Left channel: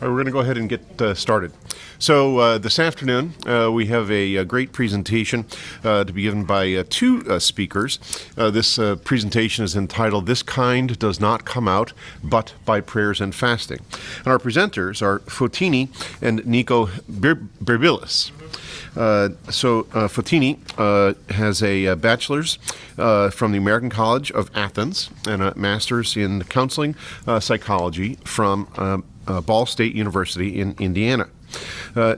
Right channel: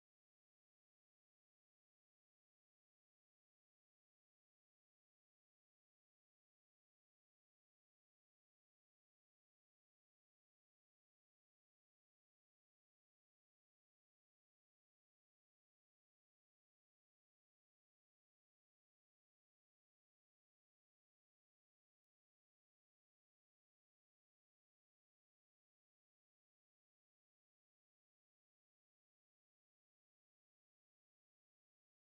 We're going to go ahead and get started. So this afternoon we have a great presentation to be given by two speakers. This presentation is entitled "This Kind Does Not Come Out But by Prayers and Fasting." And our presenters are Fotini and Nico Birbilis. Fotini has a bachelor's from the American College of Athens and a master's in counseling psychology from Ball State University in Indiana.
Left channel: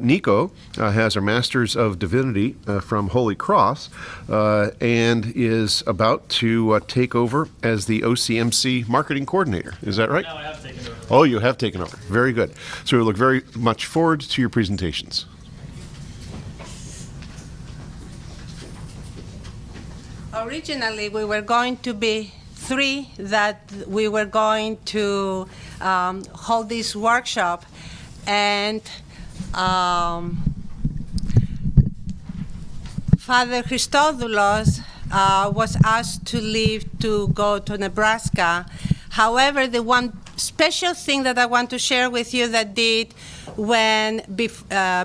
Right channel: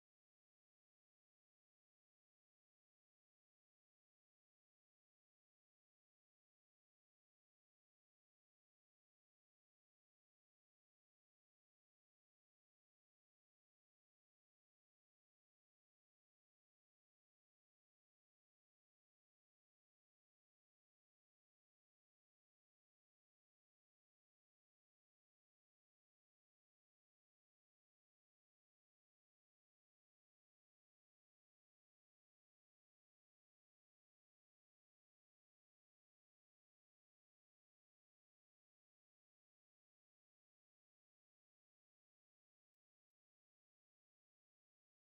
Nico has a Master's of Divinity from Holy Cross and is about to take over as the OCMC marketing coordinator. Is that right? No, I have taken over. Oh, you have taken over. Very good. So we look very much forward to your presentations. Originally, we were going to be three that we were going to hold this workshop, and Father Christodoulos was asked to leave to go to Nebraska. However, the one special thing that I want to share with you that did when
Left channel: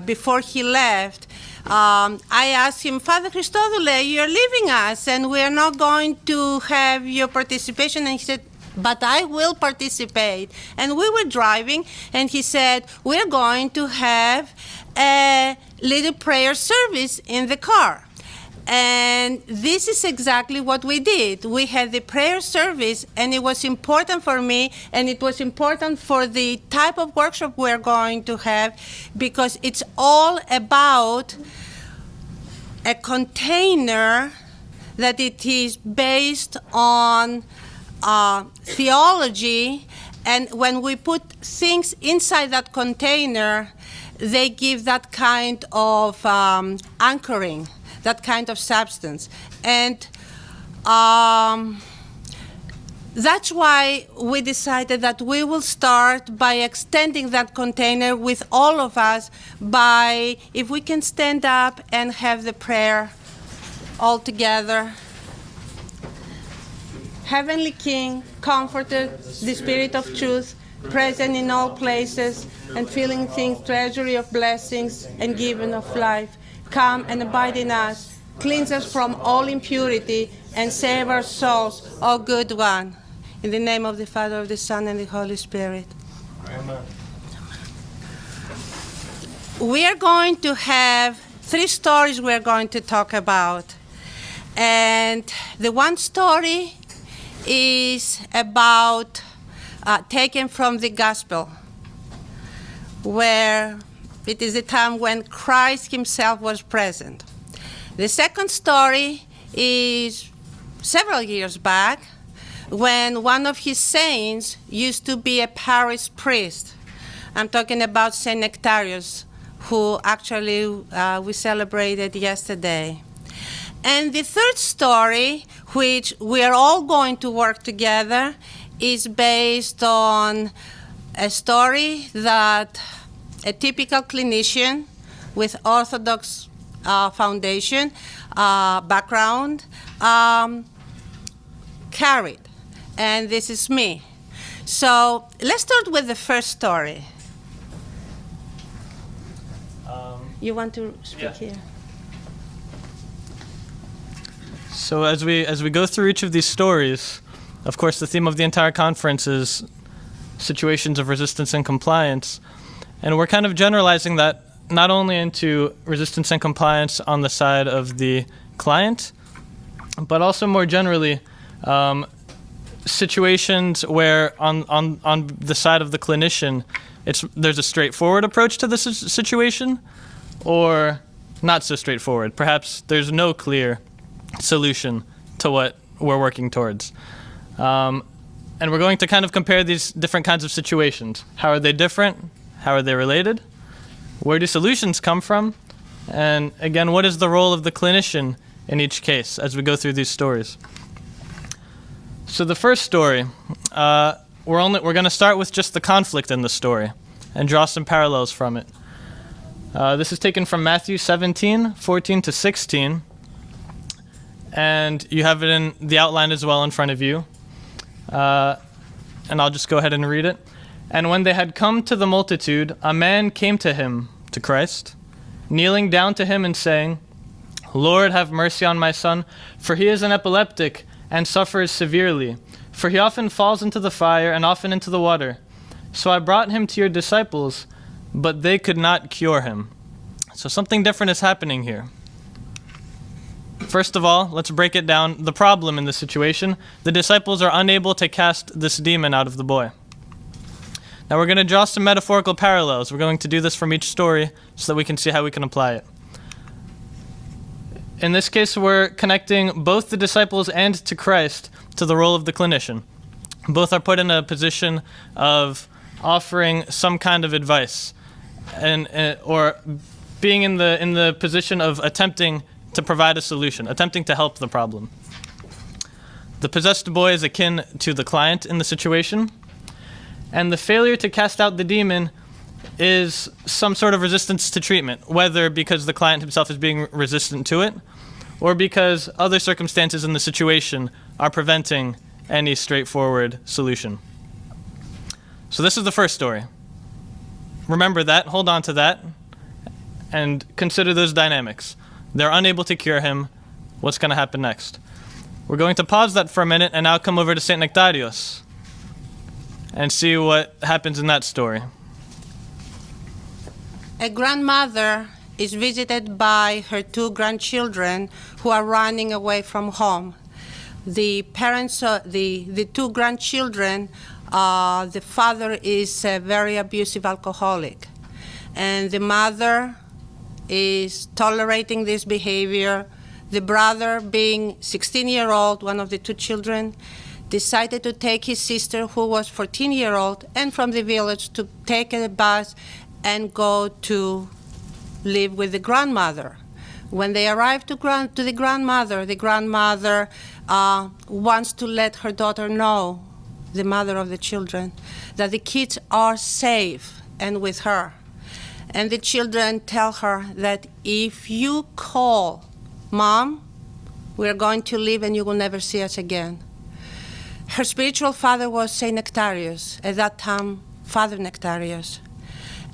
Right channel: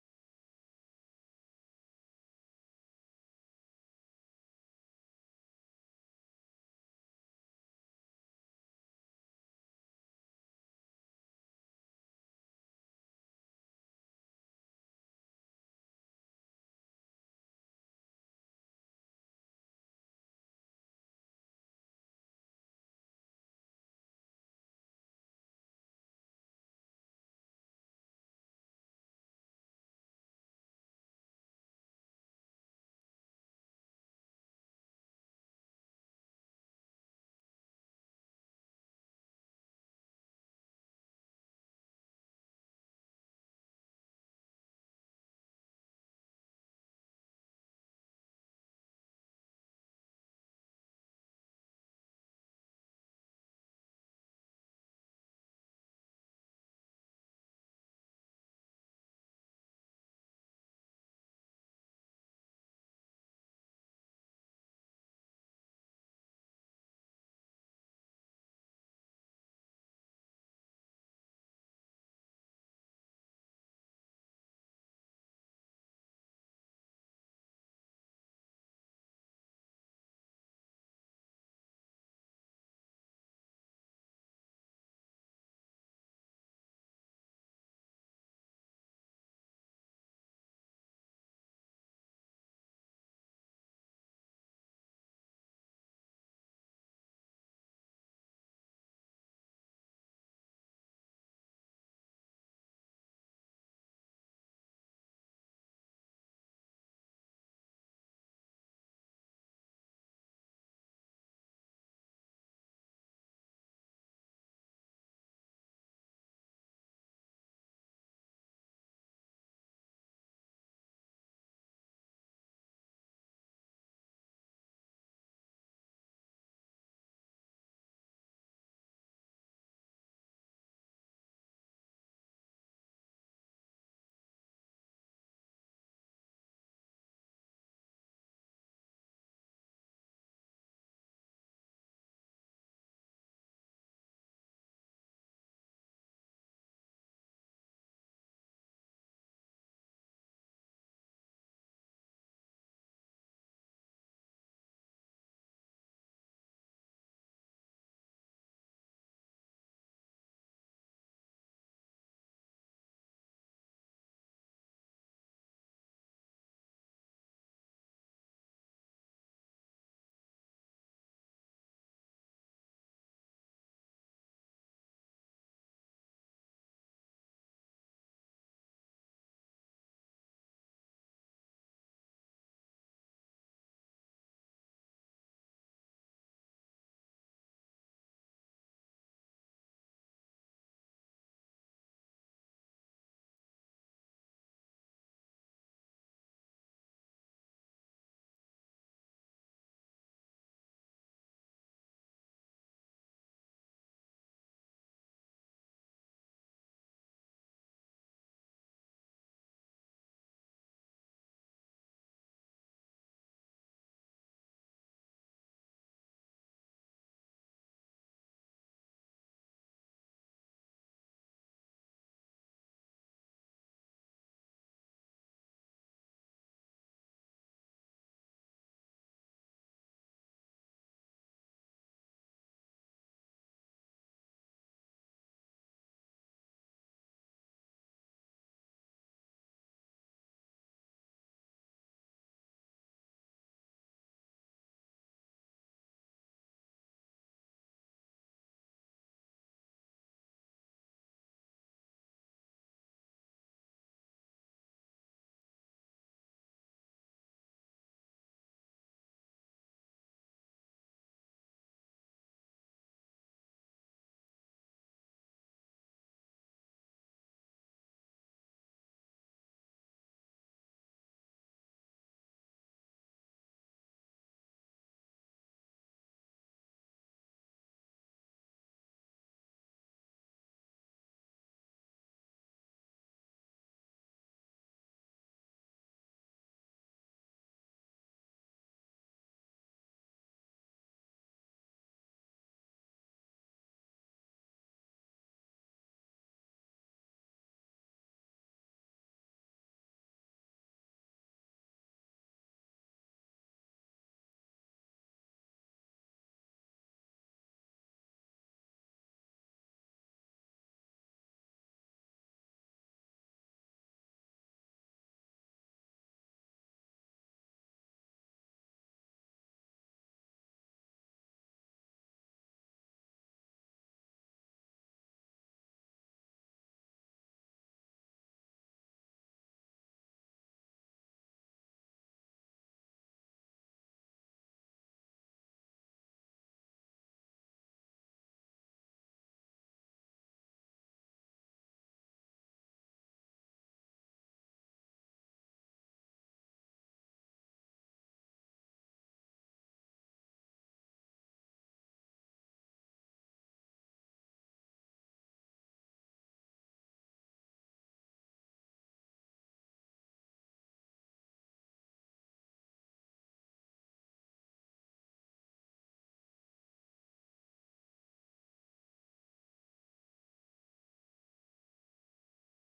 before he left, I asked him, Father Christodoulos, you're leaving us and we're not going to have your participation. And he said, but I will participate. And we were driving and he said, we're going to have a little prayer service in the car. And this is exactly what we did. We had the prayer service, and it was important for me, and it was important for the type of workshop we're going to have, because it's all about a container that it is based on theology, and when we put things inside that container, they give that kind of anchoring, that kind of substance. And that's why we decided that we will start by extending that container with all of us by, if we can stand up and have the prayer all together. Heavenly King, Comforter, the Spirit of Truth, present in all places and filling things, treasury of blessings and given of life, come and abide in us, cleanse us from all impurity, and save our souls, O good one. In the name of the Father, of the Son, and the Holy Spirit. Amen. We are going to have three stories we're going to talk about. And the one story is about taken from the Gospel, where it is a time when Christ himself was present. The second story is several years back, when one of his saints used to be a parish priest. I'm talking about Saint Nectarius, who actually we celebrated yesterday. And the third story, which we are all going to work together, is based on a story that a typical clinician with Orthodox foundation background carried. And this is me. So let's start with the first story. You want to speak here? So as we go through each of these stories, of course, the theme of the entire conference is situations of resistance and compliance. And we're kind of generalizing that not only into resistance and compliance on the side of the client, but also more generally situations where on the side of the clinician, there's a straightforward approach to this situation, or not so straightforward. Perhaps there's no clear solution to what we're working towards. And we're going to kind of compare these different kinds of situations. How are they different? How are they related? Where do solutions come from? And again, what is the role of the clinician in each case as we go through these stories? So the first story, we're going to start with just the conflict in the story and draw some parallels from it. This is taken from Matthew 17, 14 to 16. And you have it in the outline as well in front of you. And I'll just go ahead and read it. And when they had come to the multitude, a man came to him, to Christ, kneeling down to him and saying, Lord, have mercy on my son, for he is an epileptic and suffers severely. For he often falls into the fire and often into the water. So I brought him to your disciples, but they could not cure him. So something different is happening here. First of all, let's break it down. The problem in this situation, the disciples are unable to cast this demon out of the boy. Now we're going to draw some metaphorical parallels. We're going to do this from each story so that we can see how we can apply it. In this case, we're connecting both the disciples and to Christ to the role of the clinician. Both are put in a position of offering some kind of advice, or being in the position of attempting to provide a solution, attempting to help the problem. The possessed boy is akin to the client in the situation, and the failure to cast out the demon is some sort of resistance to treatment, whether because the client himself is being resistant to it, or because other circumstances in the situation are preventing any straightforward solution. So this is the first story. Remember that, hold on to that, and consider those dynamics. They're unable to cure him. What's going to happen next? We're going to pause that for a minute and now come over to St. Nectarios and see what happens in that story. A grandmother is visited by her 2 grandchildren who are running away from home. The parents, the 2 grandchildren, the father is a very abusive alcoholic, and the mother is tolerating this behavior. The brother, being 16-year-old, one of the 2 children, decided to take his sister, who was 14-year-old, and from the village to take a bus and go to live with the grandmother. When they arrive to the grandmother wants to let her daughter know, the mother of the children, that the kids are safe and with her. And the children tell her that if you call Mom, we're going to leave and you will never see us again. Her spiritual father was St. Nectarios, at that time, Father Nectarios.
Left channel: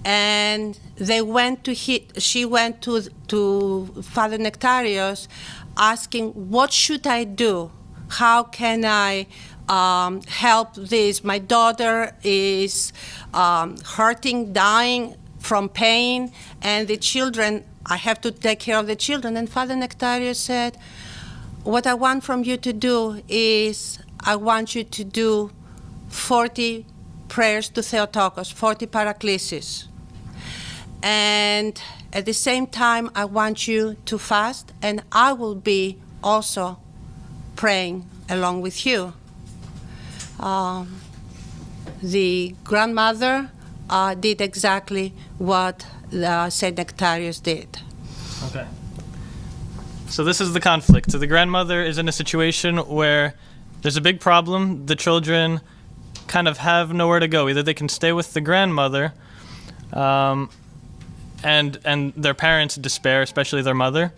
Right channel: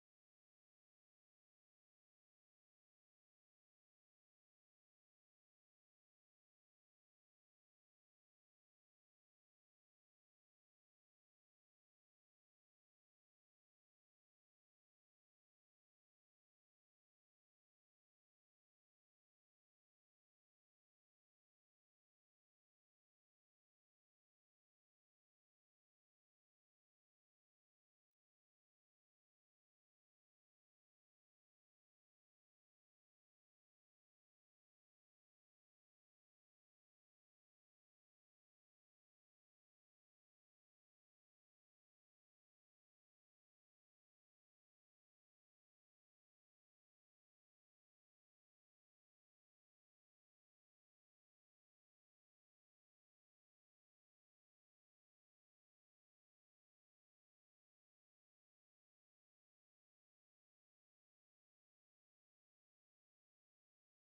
And she went to Father Nectarios asking, what should I do? How can I help this? My daughter is hurting, dying from pain, and the children, I have to take care of the children. And Father Nectarios said, what I want from you to do is, I want you to do 40 prayers to Theotokos, 40 paraklesis. And at the same time, I want you to fast, and I will be also praying along with you. The grandmother did exactly what St. Nectarios did. Okay. So this is the conflict. So the grandmother is in a situation where there's a big problem. The children kind of have nowhere to go. Either they can stay with the grandmother, and their parents despair, especially their mother,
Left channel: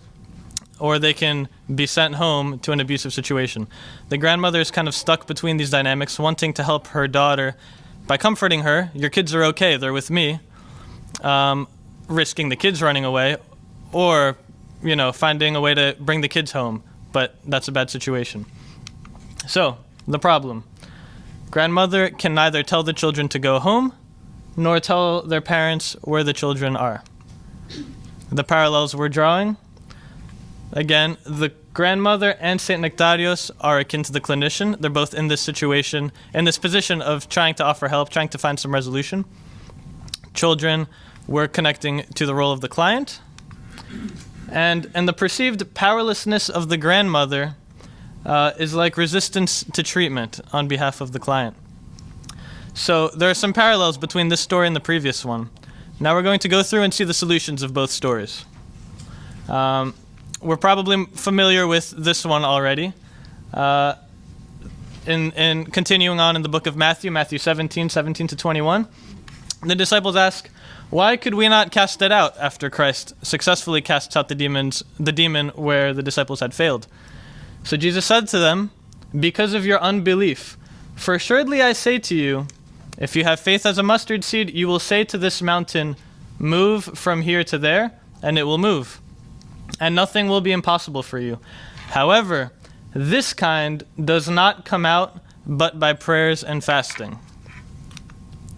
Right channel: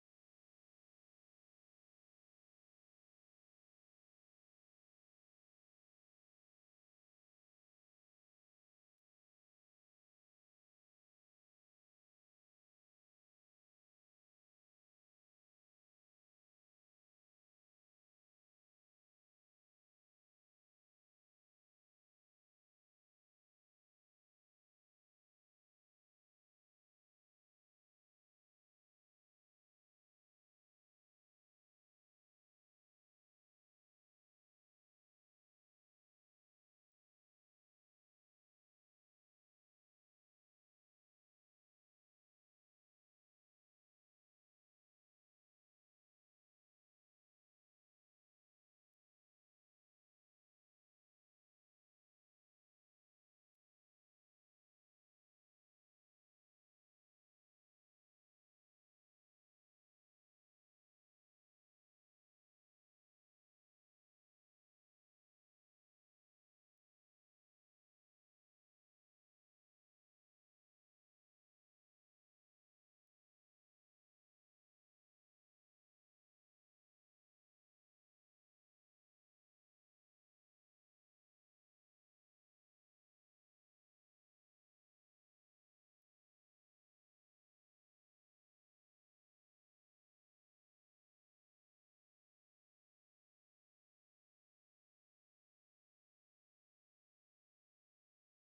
or they can be sent home to an abusive situation. The grandmother is kind of stuck between these dynamics, wanting to help her daughter by comforting her. Your kids are okay, they're with me, risking the kids running away, or finding a way to bring the kids home, but that's a bad situation. So, the problem. Grandmother can neither tell the children to go home, nor tell their parents where the children are. The parallels we're drawing. Again, the grandmother and St. Nectarios are akin to the clinician. They're both in this situation, in this position of trying to offer help, trying to find some resolution. Children, we're connecting to the role of the client. And the perceived powerlessness of the grandmother is like resistance to treatment on behalf of the client. So there are some parallels between this story and the previous one. Now we're going to go through and see the solutions of both stories. We're probably familiar with this one already. In continuing on in the book of Matthew 17 to 21, the disciples ask, why could we not cast it out after Christ successfully casts out the demon where the disciples had failed? So Jesus said to them, because of your unbelief, for assuredly I say to you, If you have faith as a mustard seed, you will say to this mountain, move from here to there, and it will move. And nothing will be impossible for you. However, this kind does not come out but by prayers and fasting.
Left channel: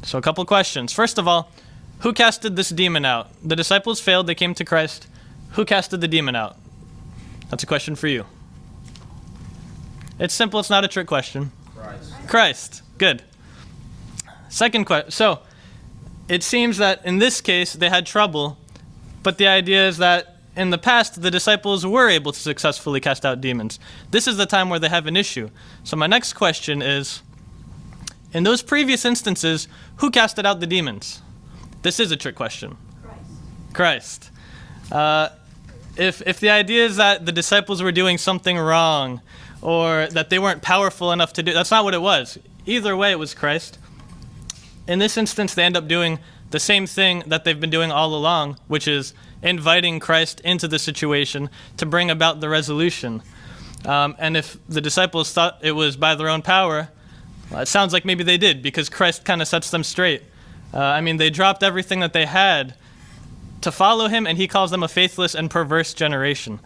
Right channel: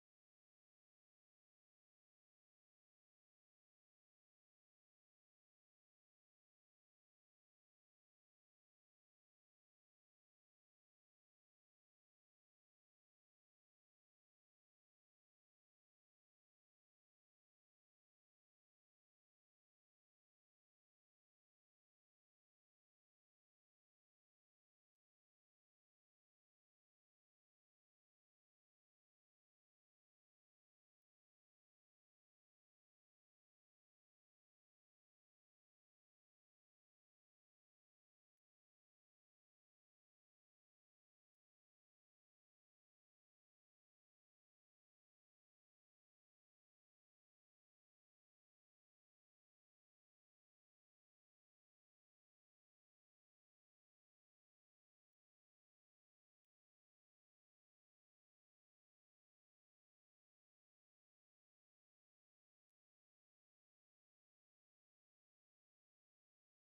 So a couple questions. First of all, who casted this demon out? The disciples failed, they came to Christ. Who casted the demon out? That's a question for you. It's simple, it's not a trick question. Christ. Good. Second question. So, it seems that in this case they had trouble, but the idea is that in the past the disciples were able to successfully cast out demons. This is the time where they have an issue. So my next question is, in those previous instances, who casted out the demons? This is a trick question. Christ. If the idea is that the disciples were doing something wrong, or that they weren't powerful enough to do, that's not what it was. Either way, it was Christ. In this instance, they end up doing the same thing that they've been doing all along, which is inviting Christ into the situation to bring about the resolution. And if the disciples thought it was by their own power, well, it sounds like maybe they did, because Christ kind of sets them straight. They dropped everything that they had to follow him, and he calls them a faithless and perverse generation.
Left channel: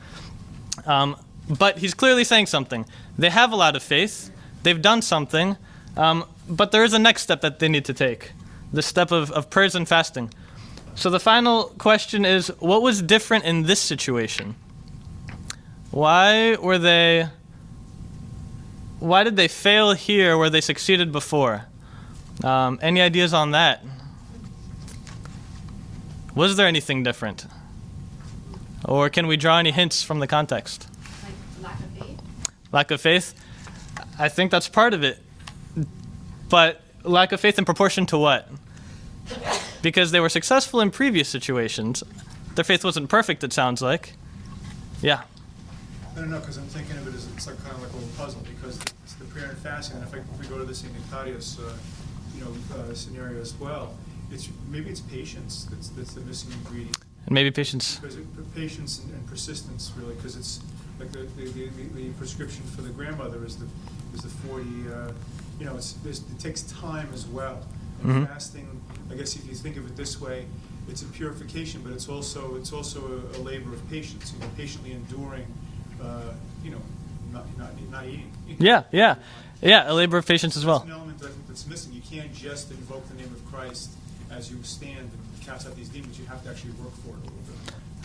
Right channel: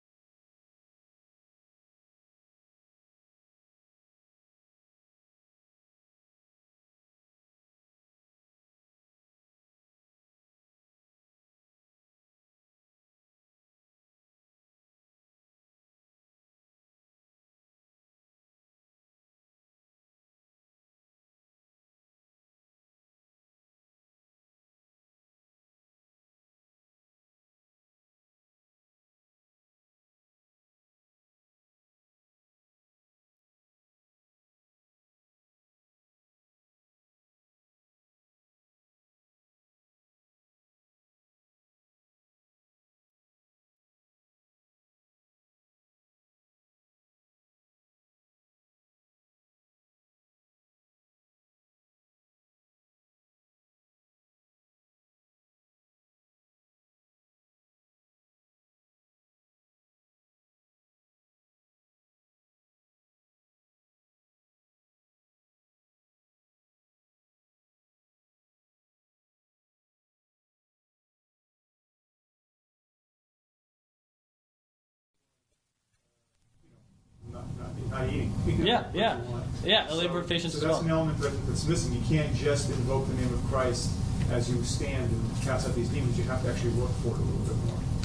But he's clearly saying something. They have a lot of faith. They've done something. But there is a next step that they need to take, the step of prayers and fasting. So the final question is, what was different in this situation? Why did they fail here where they succeeded before? Any ideas on that? Was there anything different? Or can we draw any hints from the context? Like lack of faith? Lack of faith? I think that's part of it. But lack of faith in proportion to what? Because they were successful in previous situations. Their faith wasn't perfect, it sounds like. Yeah. I don't know, because I'm thinking of it as it's like kind of like a little puzzle, because it's the prayer and fasting, and if we go to the St. Nectarius scenario as well, maybe it's patience that's the missing ingredient. And maybe patience. Because patience and persistence, really, because it's like the prescription for the grandmother is the 40. It takes time as well. And fasting, I guess if you think of it this way, it's a purification, but it's also a labor of patience. Patiently enduring, not eating. Yeah, a labor of patience so as well. That's an element that's missing. You can't just invoke the name of Christ as you stand and cast out these demons. You have to actually work for it a little bit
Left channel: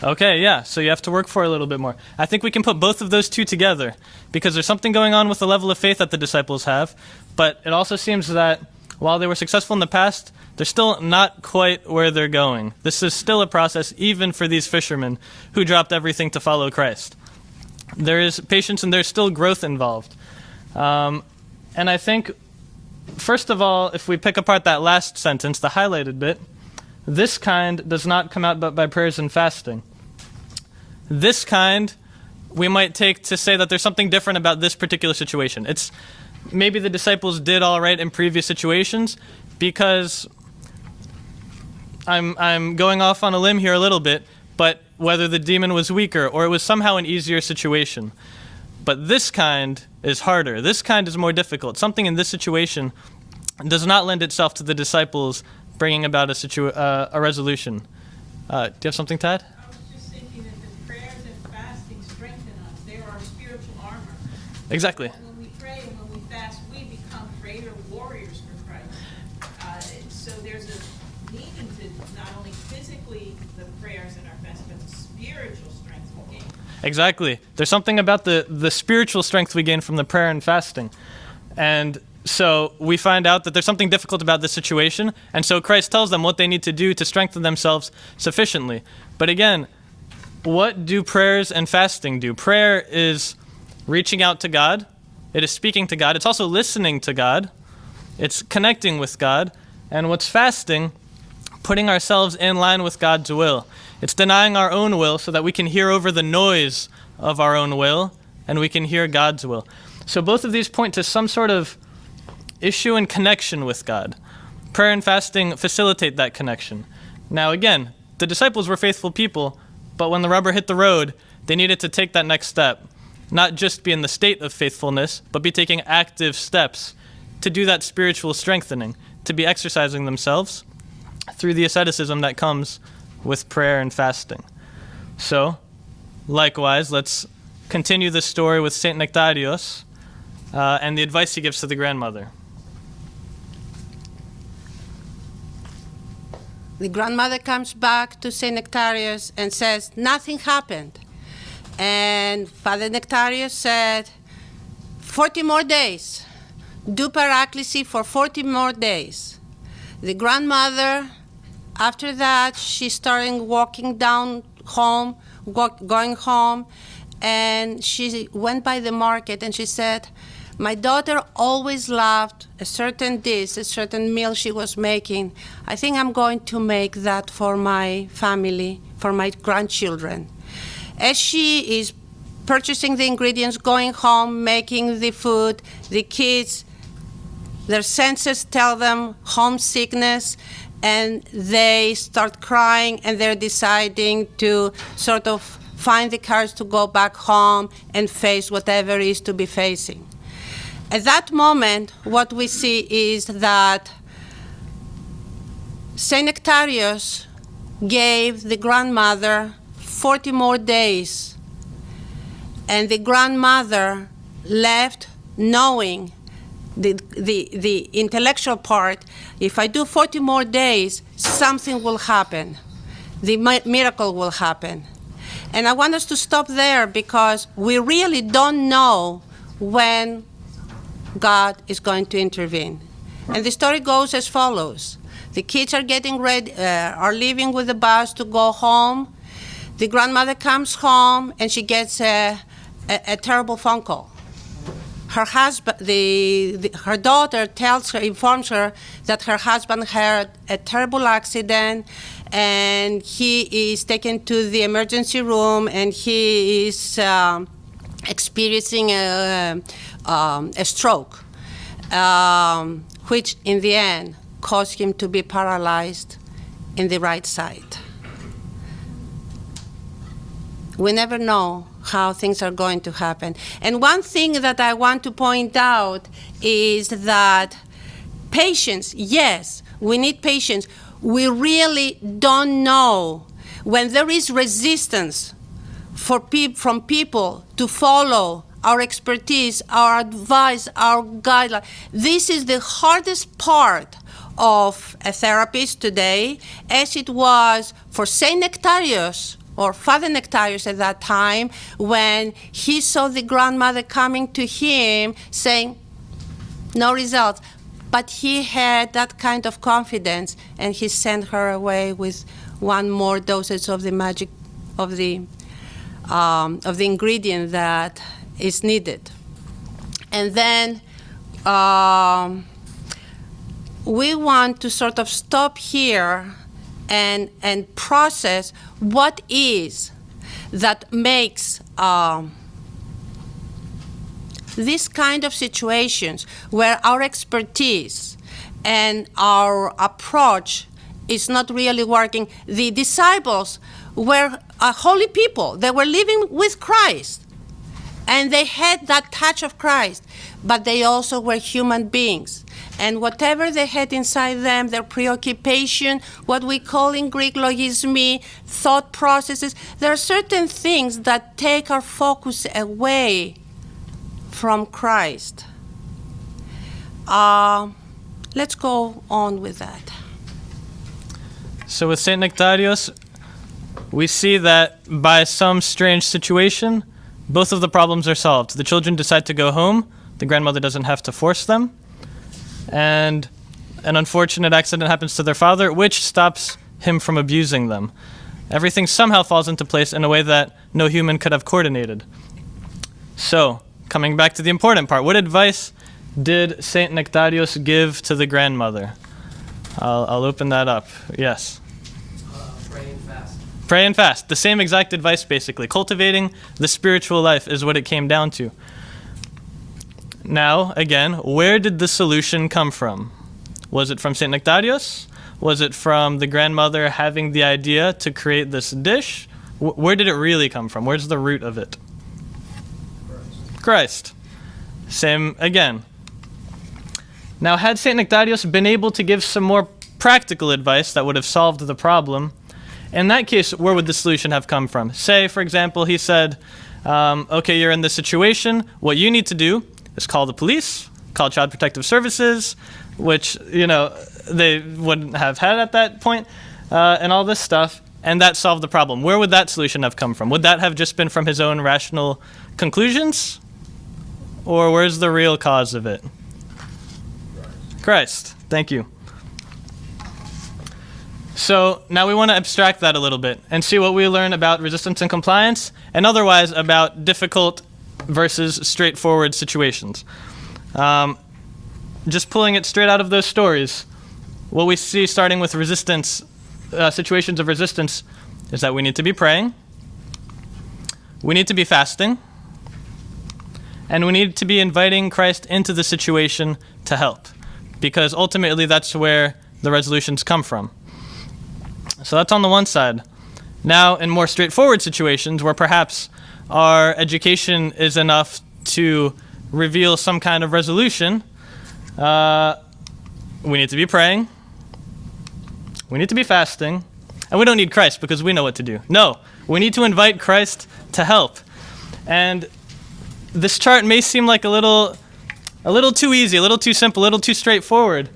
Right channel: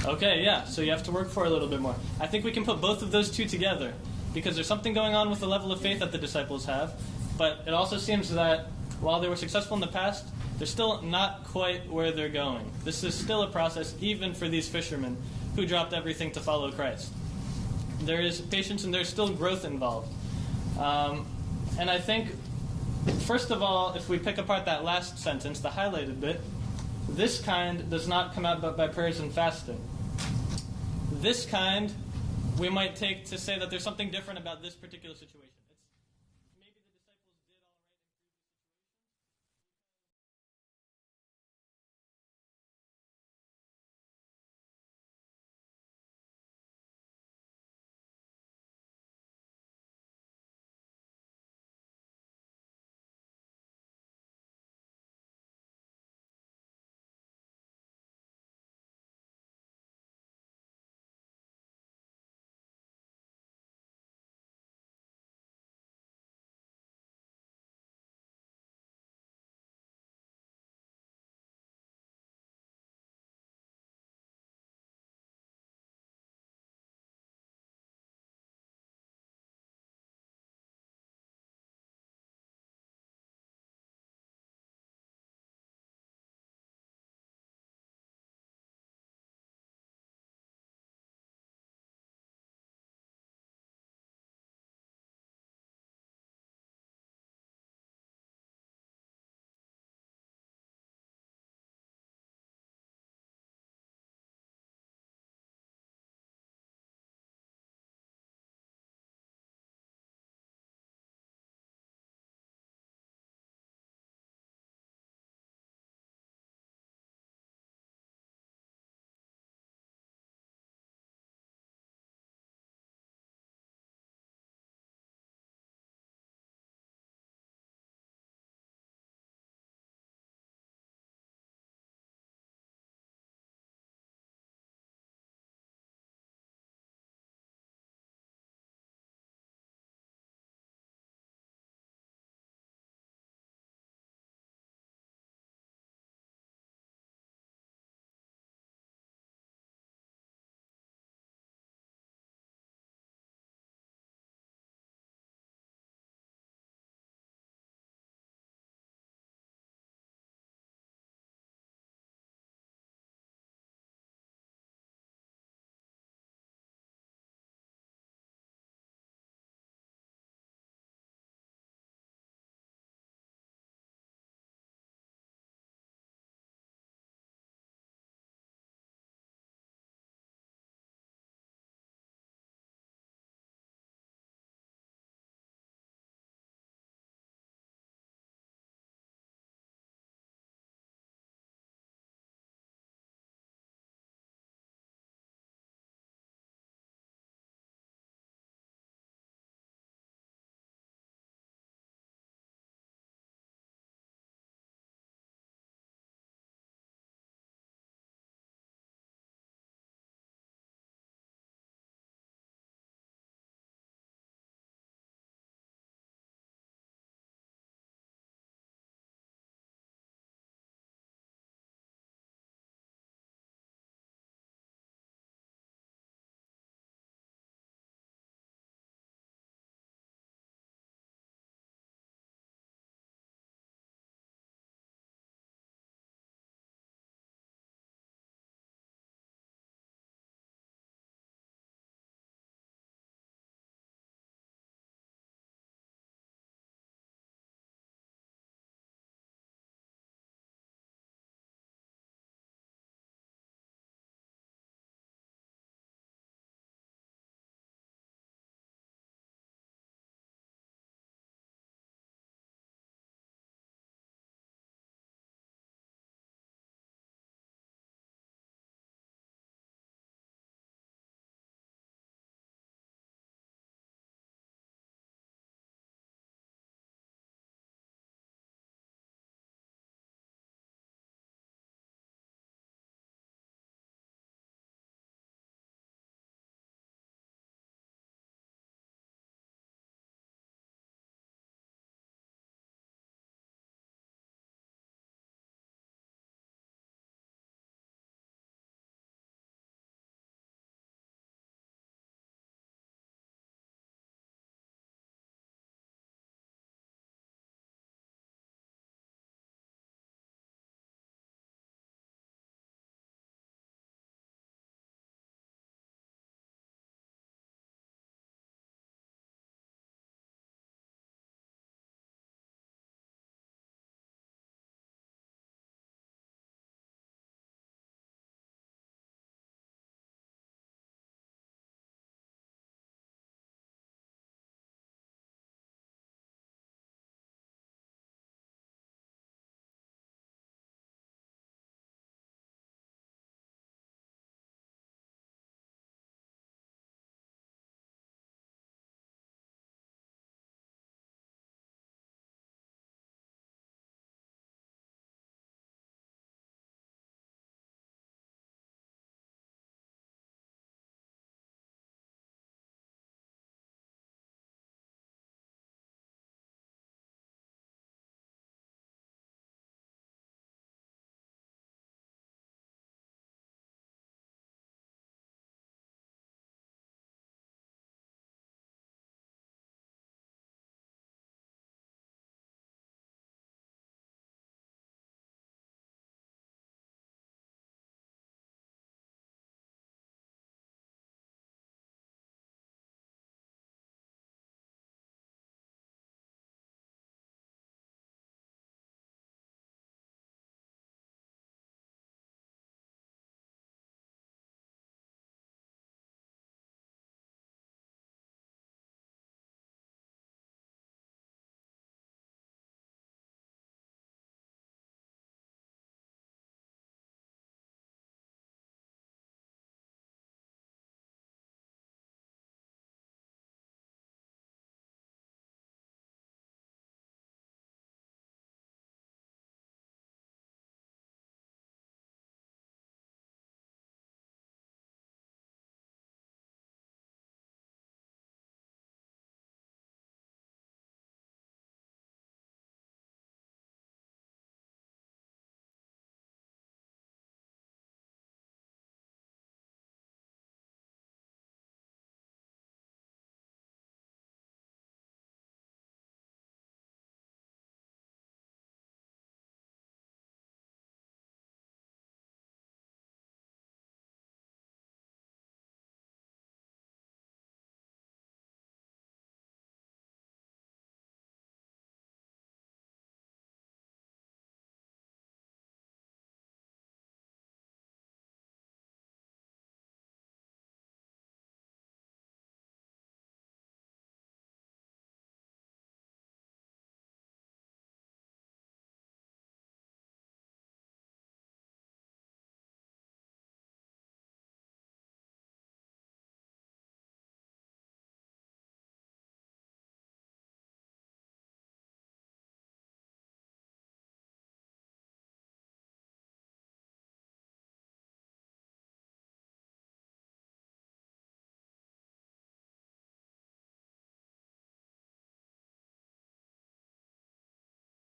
more. Okay, yeah, so you have to work for it a little bit more. I think we can put both of those two together, because there's something going on with the level of faith that the disciples have, but it also seems that while they were successful in the past, they're still not quite where they're going. This is still a process, even for these fishermen who dropped everything to follow Christ. There is patience and there's still growth involved. And I think, first of all, if we pick apart that last sentence, the highlighted bit, this kind does not come out but by prayers and fasting. This kind we might take to say that there's something different about this particular situation. It's maybe the disciples did all right in previous situations, because I'm going off on a limb here a little bit, but whether the demon was weaker or it was somehow an easier situation. But this kind is harder. This kind is more difficult. Something in this situation does not lend itself to the disciples bringing about a resolution. Do you have something, Tad? I was just thinking that the prayers and fasting strengthen us. They are our spiritual armor. Exactly. When we pray and when we fast, we become greater warriors for Christ. So there's a meaning to not only physically the prayers and our fasting, but the spiritual strength we gain. Exactly. There's something about the spiritual strength we gain from the prayer and fasting. And so we find out that there's something difficult about this situation, and so Christ tells them what they need to do to strengthen themselves sufficiently. But again, what do prayers and fasting do? Prayer is reaching out to God. It is speaking to God. It's also listening to God. It's connecting with God. And what's fasting? Putting ourselves in line with God's will. It's denying our own will so that we can hear over the noise of our own will, and we can hear God's will. So both of these point to some sort of issue and connection with God. Prayer and fasting facilitate that connection. Now again, the disciples were faithful people, but when the rubber hit the road, they needed to take that next step. Not just be in the state of faithfulness, but be taking active steps to do that spiritual strengthening. to be exercising themselves through the asceticism that comes with prayer and fasting. So, likewise, let's continue this story with Saint Nectarios and the advice he gives to the grandmother. The grandmother comes back to Saint Nectarios and says, nothing happened. And Father Nectarios said, 40 more days. Do paraclesis for 40 more days. The grandmother, after that, she started walking down home, going home, and she went by the market and she said, my daughter always loved a certain dish, a certain meal she was making. I think I'm going to make that for my family, for my grandchildren. As she is purchasing the ingredients, going home, making the food, the kids, their senses tell them homesickness, and they start crying, and they're deciding to sort of find the courage to go back home and face whatever is to be facing. At that moment, what we see is that Saint Nectarios gave the grandmother 40 more days, and the grandmother left knowing the intellectual part, if I do 40 more days, something will happen. The miracle will happen. And I want us to stop there because we really don't know when God is going to intervene. And the story goes as follows. The kids are getting ready, are leaving with the bus to go home. The grandmother comes home and she gets a terrible phone call. Her husband, her daughter informs her that her husband had a terrible accident and he is taken to the emergency room and he is experiencing a stroke, which in the end caused him to be paralyzed in the right side. We never know how things are going to happen. And one thing that I want to point out is that patience, yes, we need patience. We really don't know when there is resistance from people to follow our expertise, our advice, our guidelines. This is the hardest part of a therapist today, as it was for Saint Nectarios, or Father Nectarios at that time, when he saw the grandmother coming to him saying, no results. But he had that kind of confidence, and he sent her away with one more dosage of the magic, of the ingredient that is needed. And then we want to sort of stop here and process what is that makes this kind of situations where our expertise and our approach is not really working. The disciples were holy people. They were living with Christ, and they had that touch of Christ, but they also were human beings. And whatever they had inside them, their preoccupation, what we call in Greek logismi, thought processes, there are certain things that take our focus away from Christ. Let's go on with that. So with Saint Nectarios, we see that by some strange situation, both of the problems are solved. The children decide to go home. The grandmother doesn't have to force them. And an unfortunate accident happens to their father, which stops him from abusing them. Everything somehow falls into place in a way that no human could have coordinated. So, coming back to the important part, what advice did Saint Nectarios give to the grandmother? I'll open that up. Yes. Pray and fast. Pray and fast. The same exact advice, basically. Cultivating the spiritual life is what it came down to. Now, again, where did the solution come from? Was it from Saint Nectarios? Was it from the grandmother having the idea to create this dish? Where did it really come from? Where's the root of it? Christ. Same again. Now, had St. Nectarios been able to give some more practical advice that would have solved the problem, in that case, where would the solution have come from? Say, for example, he said, okay, you're in this situation. What you need to do is call the police, call Child Protective Services, which, they wouldn't have had at that point, and all this stuff, and that solved the problem. Where would that solution have come from? Would that have just been from his own rational conclusions? Or where's the real cause of it? Christ. Thank you. So now we want to abstract that a little bit and see what we learn about resistance and compliance, and otherwise about difficult versus straightforward situations. Just pulling it straight out of those stories, what we see starting with resistance, situations of resistance, is that we need to be praying, we need to be fasting, and we need to be inviting Christ into the situation to help, because ultimately that's where the resolutions come from. So that's on the one side. Now, in more straightforward situations where perhaps our education is enough to reveal some kind of resolution, we need to be praying, we need to be fasting, and we don't need Christ because we know what to do. No, we need to invite Christ to help. And this chart may seem like a little too easy, a little too simple, a little too straightforward.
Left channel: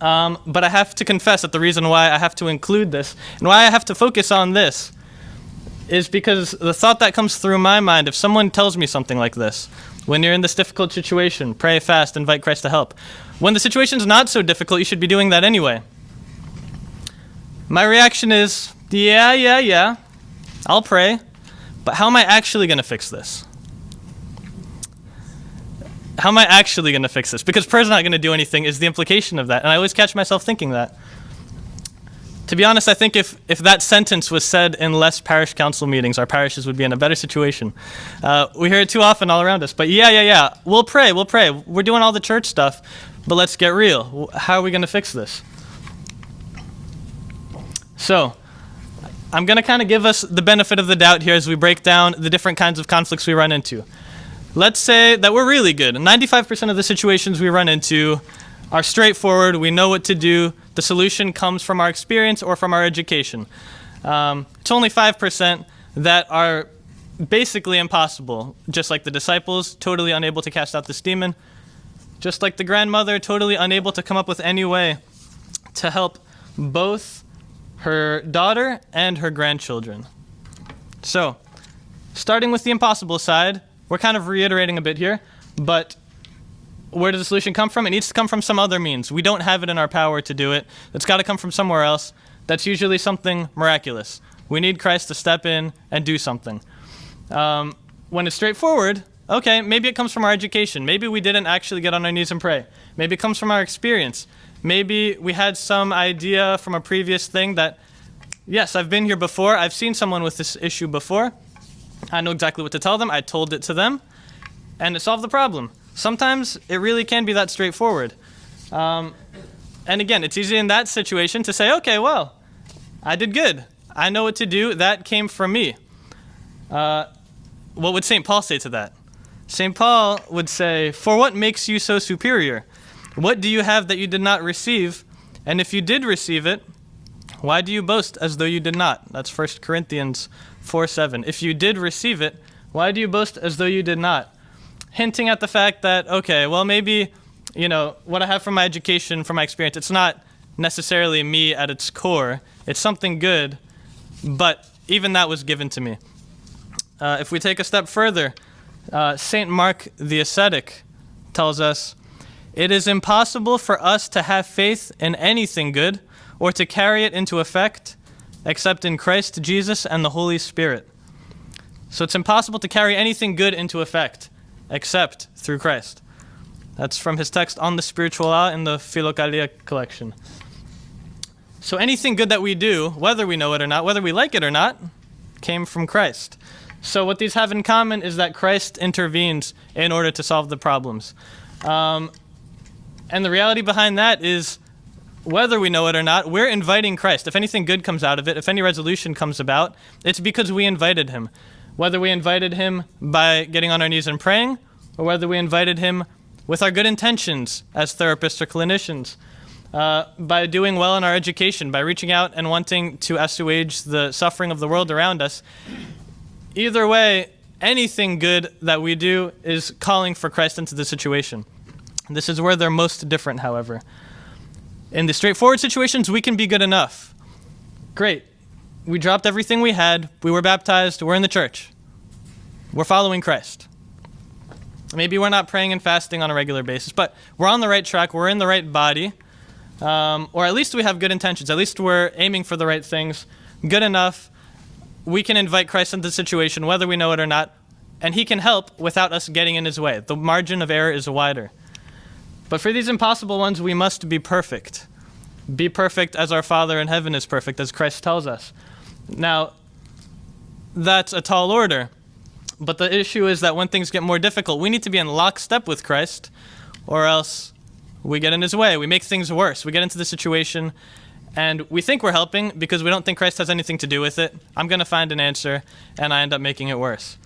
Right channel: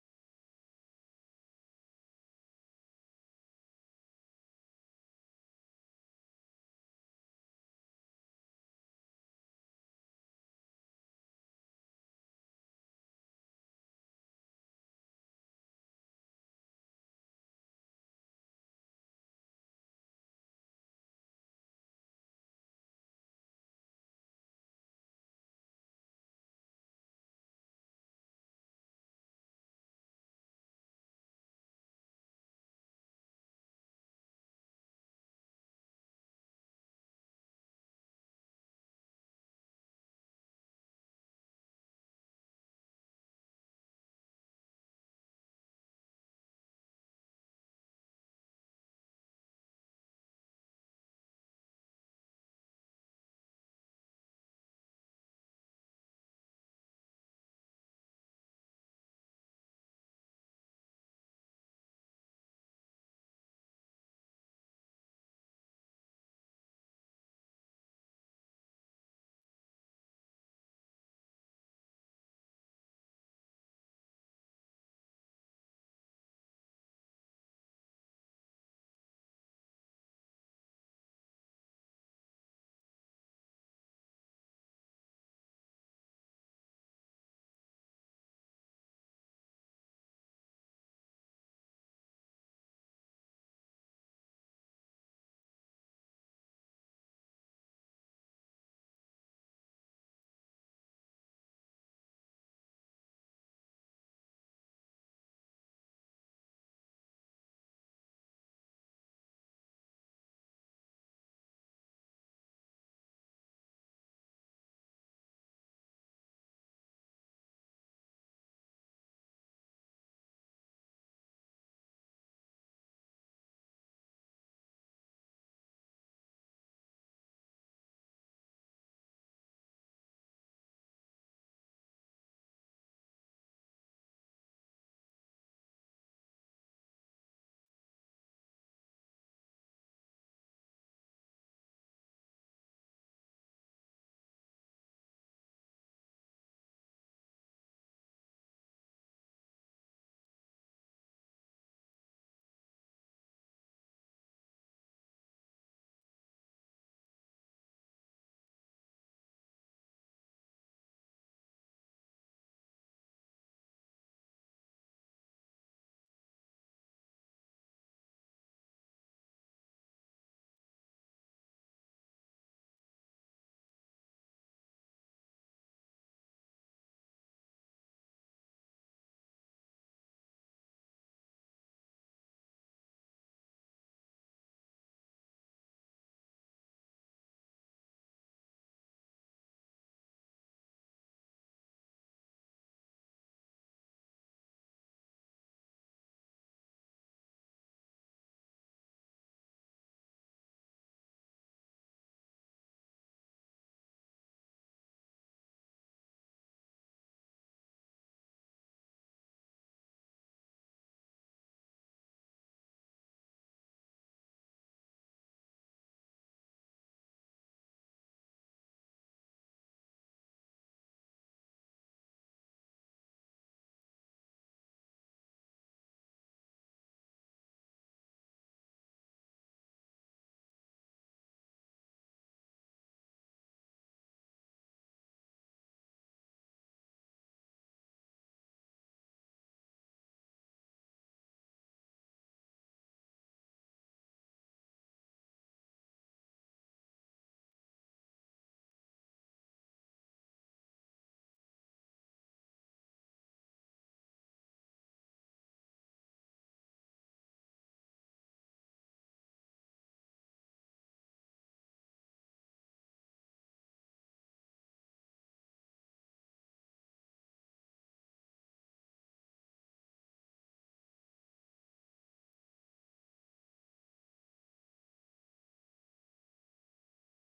But I have to confess that the reason why I have to include this and why I have to focus on this is because the thought that comes through my mind, if someone tells me something like this, when you're in this difficult situation, pray, fast, invite Christ to help. When the situation's not so difficult, you should be doing that anyway. My reaction is, yeah, I'll pray, but how am I actually going to fix this? How am I actually going to fix this? Because prayer's not going to do anything is the implication of that. And I always catch myself thinking that. To be honest, I think if that sentence was said in less parish council meetings, our parishes would be in a better situation. We hear it too often all around us. But yeah. We'll pray. We're doing all the church stuff, but let's get real. How are we going to fix this? So I'm going to kind of give us the benefit of the doubt here as we break down the different kinds of conflicts we run into. Let's say that we're really good. 95% of the situations we run into are straightforward. We know what to do. The solution comes from our experience or from our education. It's only 5% that are basically impossible, just like the disciples, totally unable to cast out this demon, just like the grandmother, totally unable to come up with any way to help both her daughter and her grandchildren. So, starting with the impossible side, we're kind of reiterating a bit here, but where does the solution come from? It needs to come from some other means. We don't have it in our power to do it. It's got to come from somewhere else. That's usually something miraculous. We need Christ to step in and do something. When it's straightforward, okay, maybe it comes from our education. Maybe we didn't actually get on our knees and pray. Maybe it comes from our experience. Maybe we had some idea from a previous thing that, yes, I've been here before. I've seen someone with this issue before. I know exactly what to tell them. I told it to them, and it solved the problem. Sometimes it really can be that straightforward. And again, it's easy in that situation to say, okay, well, I did good. I know what to do. That came from me. What would St. Paul say to that? St. Paul would say, for what makes you so superior? What do you have that you did not receive? And if you did receive it, why do you boast as though you did not? That's 1 Corinthians 4:7. If you did receive it, why do you boast as though you did not? Hinting at the fact that, okay, well, maybe, what I have from my education, from my experience, it's not necessarily me at its core. It's something good, but even that was given to me. If we take a step further, St. Mark the Ascetic tells us, it is impossible for us to have faith in anything good or to carry it into effect except in Christ Jesus and the Holy Spirit. So it's impossible to carry anything good into effect except through Christ. That's from his text on the spiritual law in the Philokalia collection. So anything good that we do, whether we know it or not, whether we like it or not, came from Christ. So what these have in common is that Christ intervenes in order to solve the problems. And the reality behind that is, whether we know it or not, we're inviting Christ. If anything good comes out of it, if any resolution comes about, it's because we invited him. Whether we invited him by getting on our knees and praying, or whether we invited him with our good intentions as therapists or clinicians, by doing well in our education, by reaching out and wanting to assuage the suffering of the world around us. Either way, anything good that we do is calling for Christ into the situation. This is where they're most different, however. In the straightforward situations, we can be good enough. Great. We dropped everything we had. We were baptized. We're in the church. We're following Christ. Maybe we're not praying and fasting on a regular basis, but we're on the right track. We're in the right body. Or at least we have good intentions. At least we're aiming for the right things. Good enough. We can invite Christ into the situation, whether we know it or not, and he can help without us getting in his way. The margin of error is wider. But for these impossible ones, we must be perfect. Be perfect as our Father in heaven is perfect, as Christ tells us. Now, that's a tall order. But the issue is that when things get more difficult, we need to be in lockstep with Christ, or else we get in his way. We make things worse. We get into the situation, and we think we're helping because we don't think Christ has anything to do with it. I'm going to find an answer, and I end up making it worse.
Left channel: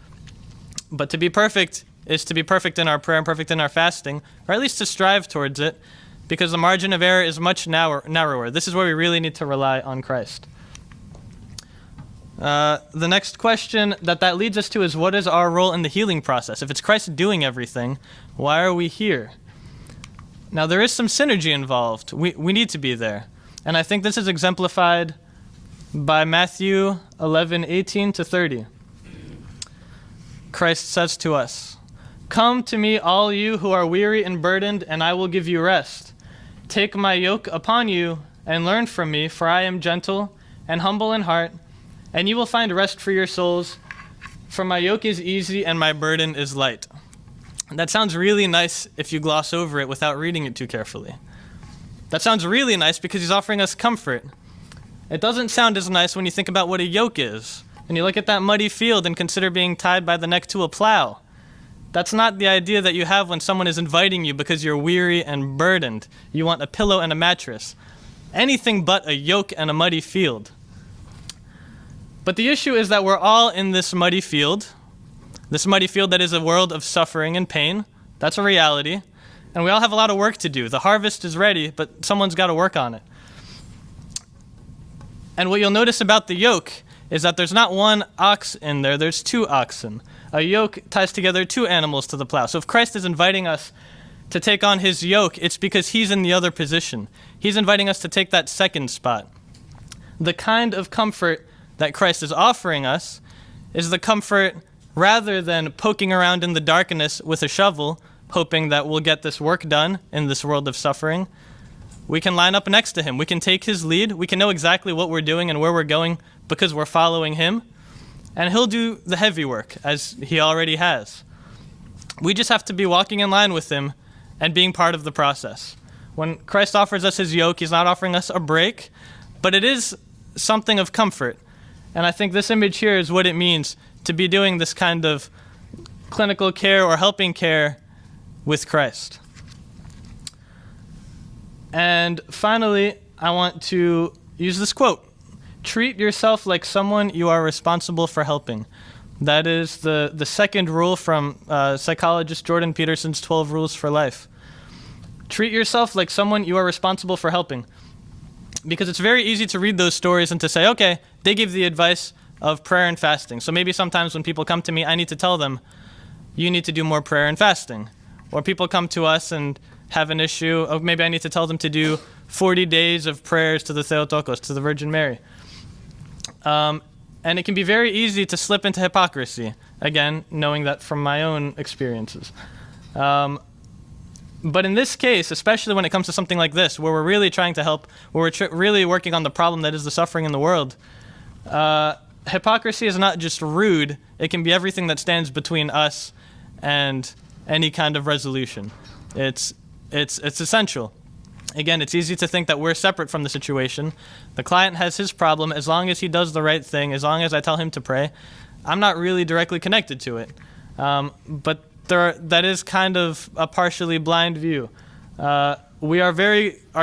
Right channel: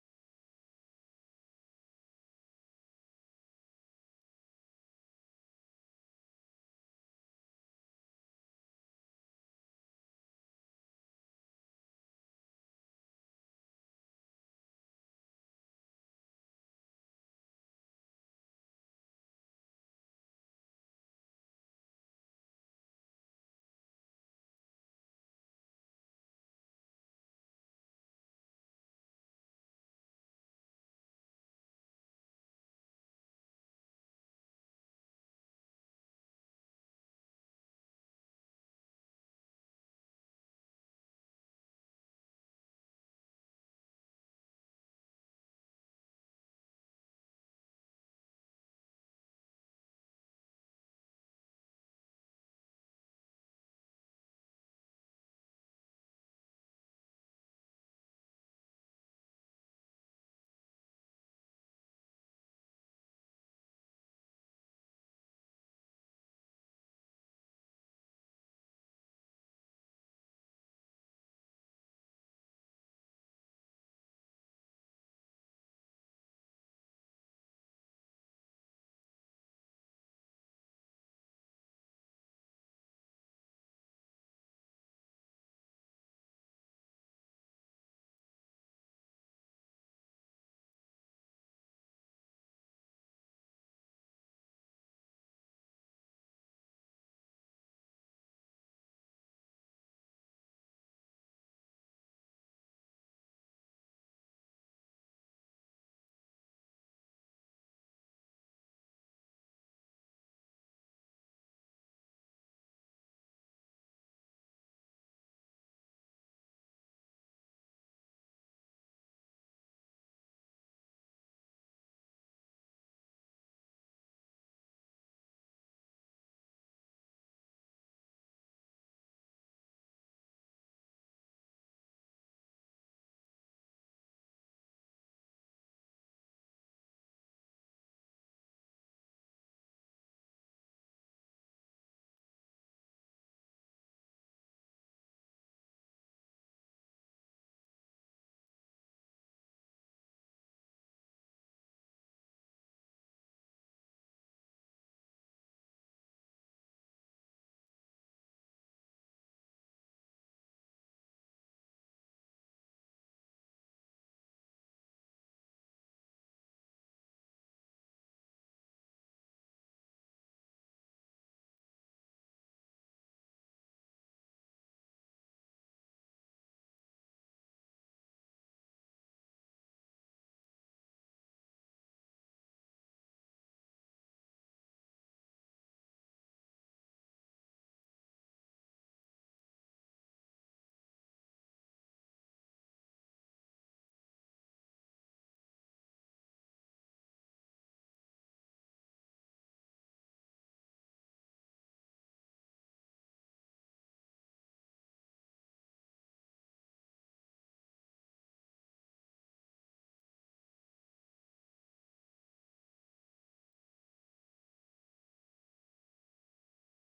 But to be perfect is to be perfect in our prayer and perfect in our fasting, or at least to strive towards it, because the margin of error is much narrower. This is where we really need to rely on Christ. The next question that leads us to is, what is our role in the healing process? If it's Christ doing everything, why are we here? Now, there is some synergy involved. We need to be there. And I think this is exemplified by Matthew 11:18-30. Christ says to us, "Come to me, all you who are weary and burdened, and I will give you rest. Take my yoke upon you and learn from me, for I am gentle and humble in heart, and you will find rest for your souls, for my yoke is easy and my burden is light." That sounds really nice if you gloss over it without reading it too carefully. That sounds really nice because he's offering us comfort. It doesn't sound as nice when you think about what a yoke is, and you look at that muddy field and consider being tied by the neck to a plow. That's not the idea that you have when someone is inviting you because you're weary and burdened. You want a pillow and a mattress. Anything but a yoke and a muddy field. But the issue is that we're all in this muddy field that is a world of suffering and pain. That's a reality. And we all have a lot of work to do. The harvest is ready, but someone's got to work on it. And what you'll notice about the yoke is that there's not one ox in there, there's two oxen. A yoke ties together two animals to the plow. So if Christ is inviting us to take on his yoke, it's because he's in the other position. He's inviting us to take that second spot. The kind of comfort that Christ is offering us is the comfort rather than poking around in the darkness with a shovel, hoping that we'll get this work done in this world of suffering. We can line up next to him. We can take his lead. We can know exactly what we're doing and where we're going because we're following him. And he'll do the heavy work, as he already has. We just have to be walking in line with him and being part of the process. When Christ offers us his yoke, he's not offering us a break, but it is something of comfort. And I think this image here is what it means to be doing this kind of clinical care or helping care with Christ. And finally, I want to use this quote. Treat yourself like someone you are responsible for helping. That is the second rule from psychologist Jordan Peterson's 12 Rules for Life. Treat yourself like someone you are responsible for helping. Because it's very easy to read those stories and to say, okay, they give the advice of prayer and fasting. So maybe sometimes when people come to me, I need to tell them, you need to do more prayer and fasting. Or people come to us and have an issue, or maybe I need to tell them to do 40 days of prayers to the Theotokos, to the Virgin Mary. And it can be very easy to slip into hypocrisy, again, knowing that from my own experiences. But in this case, especially when it comes to something like this, where we're really trying to help, where we're really working on the problem that is the suffering in the world, hypocrisy is not just rude, it can be everything that stands between us and any kind of resolution. It's essential. Again, it's easy to think that we're separate from the situation. The client has his problem. As long as he does the right thing, as long as I tell him to pray, I'm not really directly connected to it. But that is kind of a partially blind view. Our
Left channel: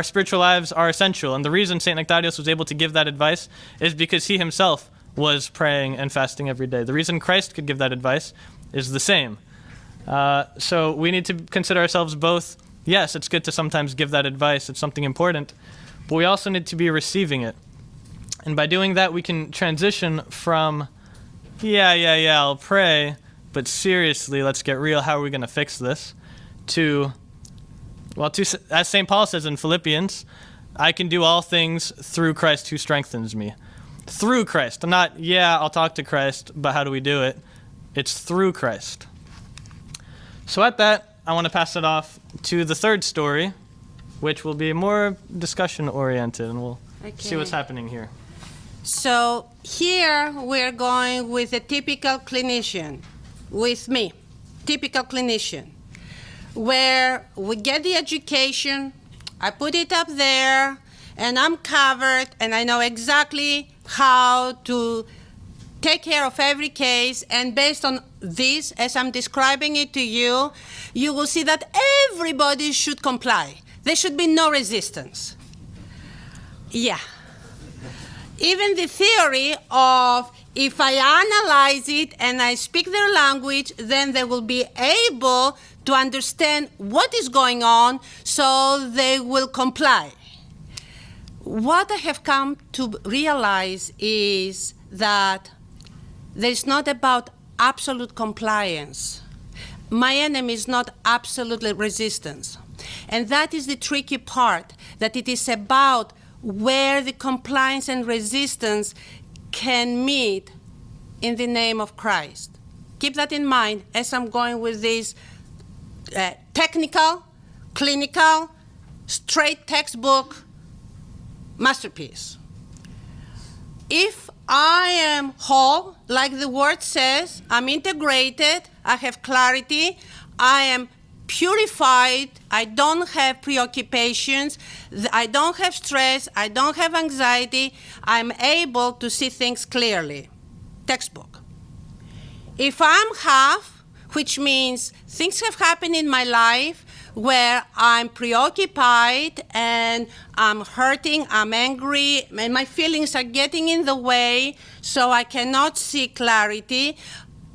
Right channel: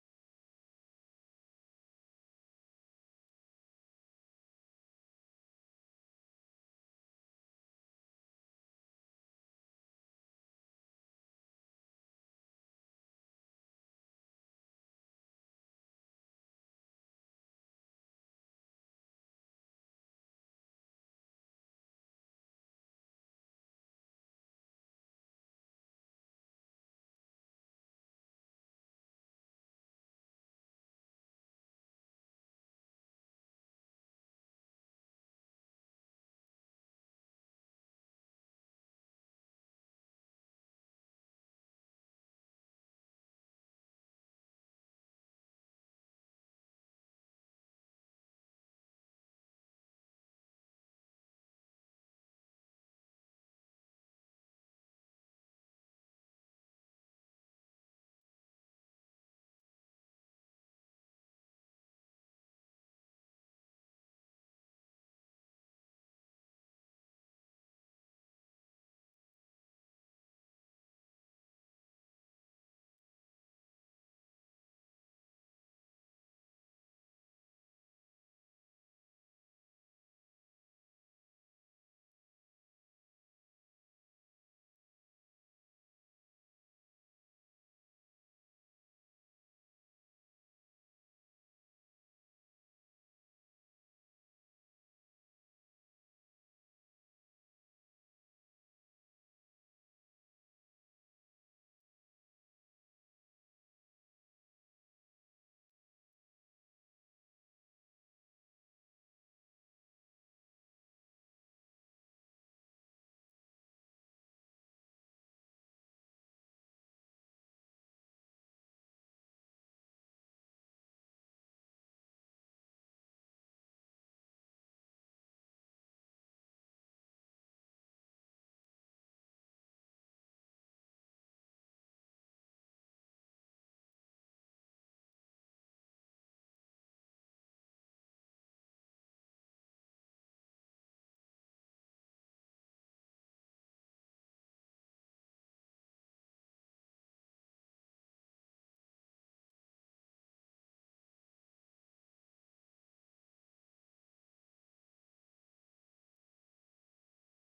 spiritual lives are essential, and the reason St. Nectarios was able to give that advice is because he himself was praying and fasting every day. The reason Christ could give that advice is the same. So we need to consider ourselves both. Yes, it's good to sometimes give that advice. It's something important. But we also need to be receiving it. And by doing that, we can transition from, yeah, I'll pray, but seriously, let's get real. How are we going to fix this? To, as St. Paul says in Philippians, I can do all things through Christ who strengthens me. Through Christ. Not, I'll talk to Christ, but how do we do it? It's through Christ. So at that, I want to pass it off to the third story, which will be more discussion-oriented, and we'll see what's happening here. So here we're going with a typical clinician, with me, typical clinician, where we get the education, I put it up there, and I'm covered, and I know exactly how to take care of every case, and based on this, as I'm describing it to you, you will see that everybody should comply. There should be no resistance. Yeah. Even the theory of if I analyze it and I speak their language, then they will be able to understand what is going on, so they will comply. What I have come to realize is that it's not about absolute compliance. My enemy is not absolutely resistance. And that is the tricky part, that it is about where the compliance and resistance can meet in the name of Christ. Keep that in mind as I'm going with this technical, clinical, straight textbook masterpiece. If I am whole, like the word says, I'm integrated, I have clarity, I am purified, I don't have preoccupations, I don't have stress, I don't have anxiety, I'm able to see things clearly. Textbook. If I'm half, which means things have happened in my life where I'm preoccupied and I'm hurting, I'm angry, and my feelings are getting in the way, so I cannot see clarity,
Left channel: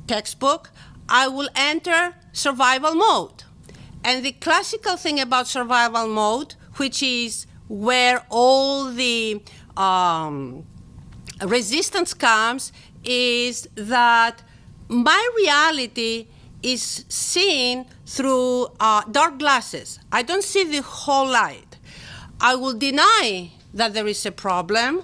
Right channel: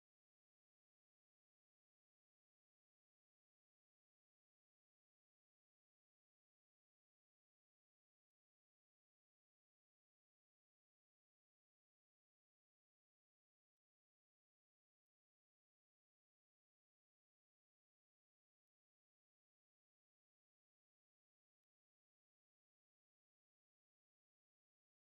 textbook, I will enter survival mode. And the classical thing about survival mode, which is where all the resistance comes, is that my reality is seen through dark glasses. I don't see the whole light. I will deny that there is a problem,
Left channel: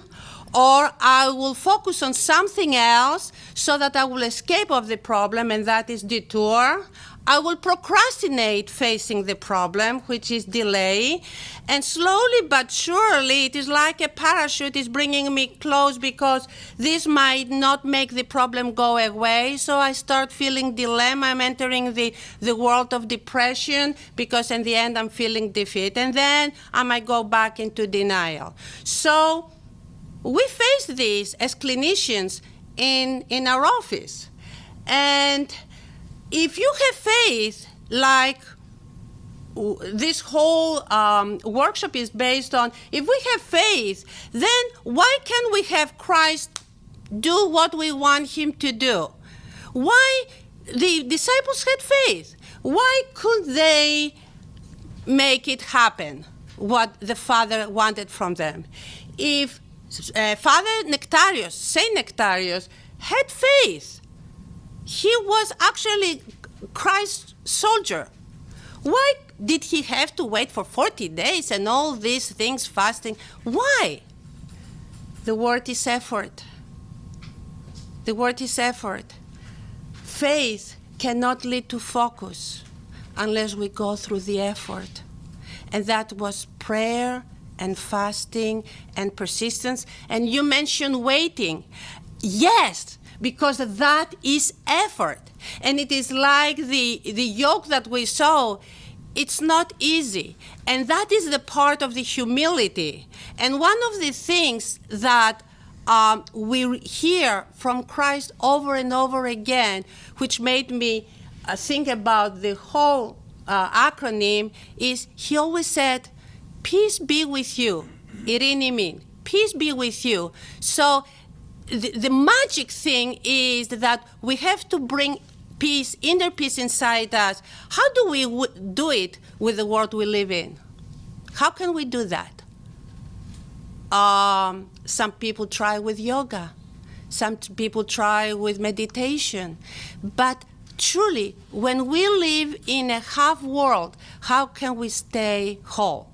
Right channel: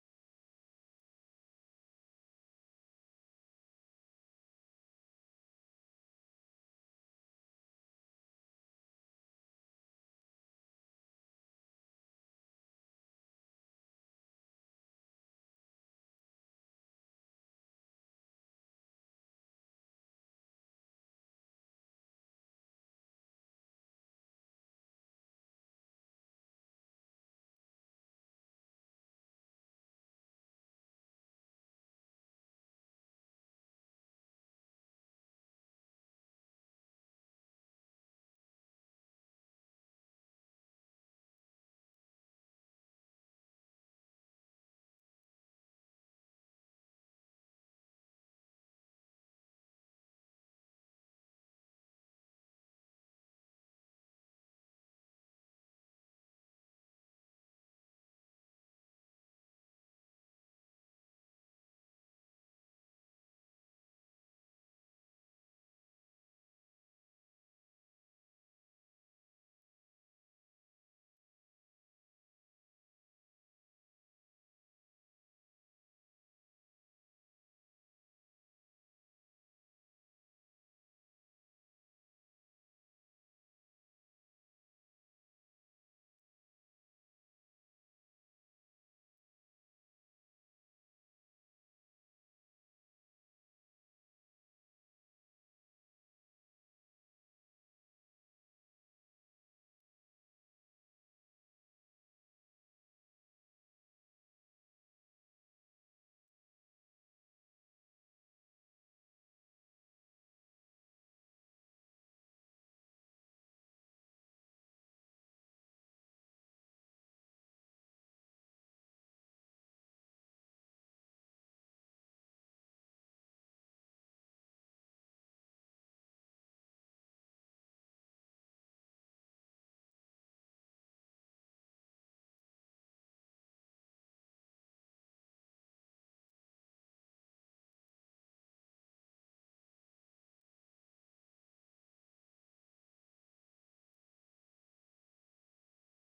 or I will focus on something else so that I will escape of the problem, and that is detour. I will procrastinate facing the problem, which is delay. And slowly but surely, it is like a parachute is bringing me close, because this might not make the problem go away. So I start feeling dilemma. I'm entering the world of depression, because in the end I'm feeling defeat. And then I might go back into denial. So we face this as clinicians in our office. And if you have faith, like this whole workshop is based on, if we have faith, then why can't we have Christ do what we want him to do? Why the disciples had faith? Why couldn't they make it happen, what the Father wanted from them? If Father Nectarius, Saint Nectarius, had faith, he was actually Christ's soldier. Why did he have to wait for 40 days and all these things, fasting? Why? The word is effort. The word is effort. Faith cannot lead to focus unless we go through the effort. And that was prayer and fasting and persistence. And you mentioned waiting. Yes, because that is effort. And it is like the yoke that we saw. It's not easy. And that is the part of the humility. And one of the things that we hear from Christ over and over again, which made me think about the whole acronym, is he always said, peace be with you, Irene, peace be with you. So the magic thing is that we have to bring peace, inner peace inside us. How do we do it with the world we live in? How can we do that? Some people try with yoga. Some people try with meditation. But truly, when we live in a half world, how can we stay whole?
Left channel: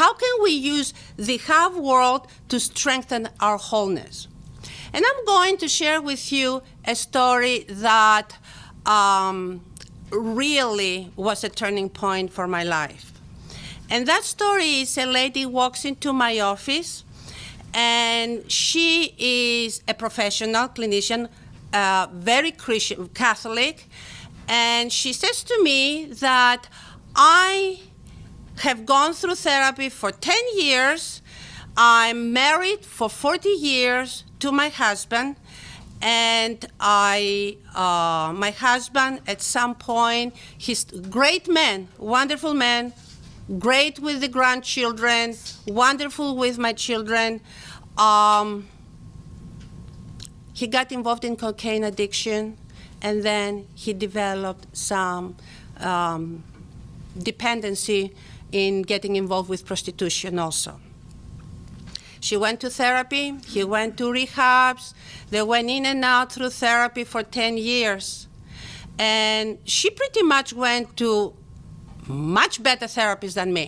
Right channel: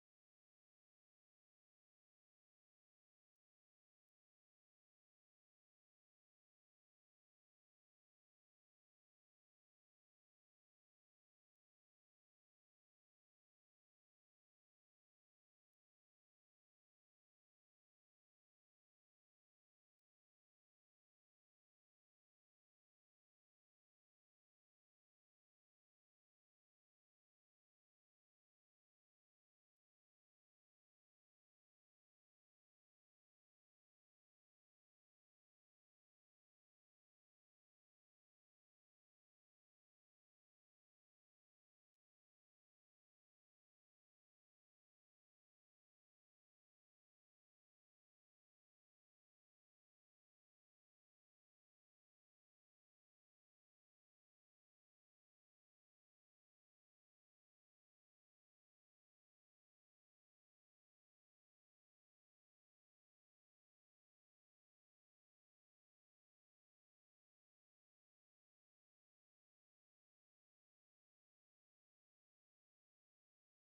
How can we use the half world to strengthen our wholeness? And I'm going to share with you a story that really was a turning point for my life. And that story is a lady walks into my office, and she is a professional clinician, very Christian, Catholic, and she says to me that I have gone through therapy for 10 years. I'm married for 40 years to my husband, and my husband at some point, he's a great man, wonderful man, great with the grandchildren, wonderful with my children. He got involved in cocaine addiction, and then he developed some dependency in getting involved with prostitution also. She went to therapy, he went to rehabs, they went in and out through therapy for 10 years. And she pretty much went to much better therapists than me,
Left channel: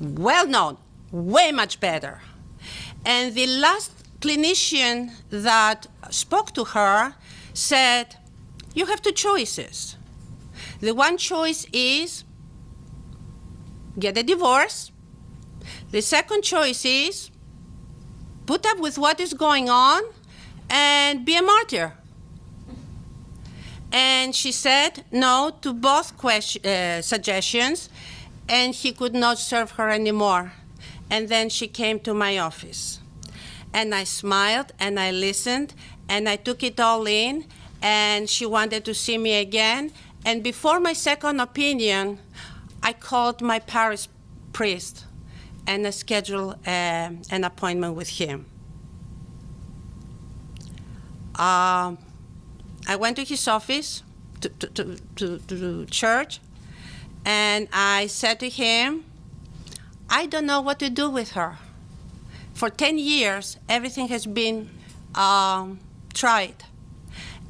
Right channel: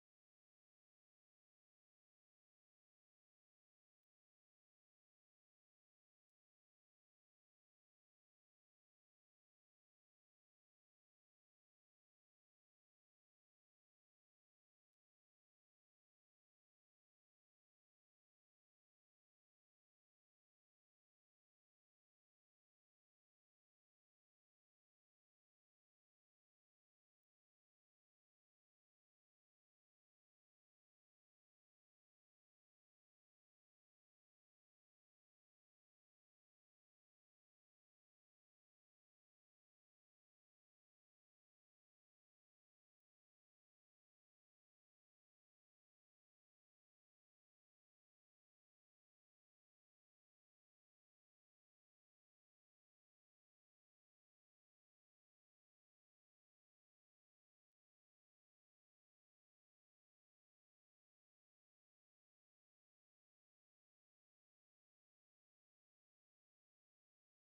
well known, way much better. And the last clinician that spoke to her said, you have two choices. The one choice is get a divorce. The second choice is put up with what is going on and be a martyr. And she said no to both suggestions, and he could not serve her anymore. And then she came to my office. And I smiled, and I listened, and I took it all in, and she wanted to see me again. And before my second opinion, I called my parish priest, and I scheduled an appointment with him. I went to his office, to church, and I said to him, I don't know what to do with her. For 10 years, everything has been tried.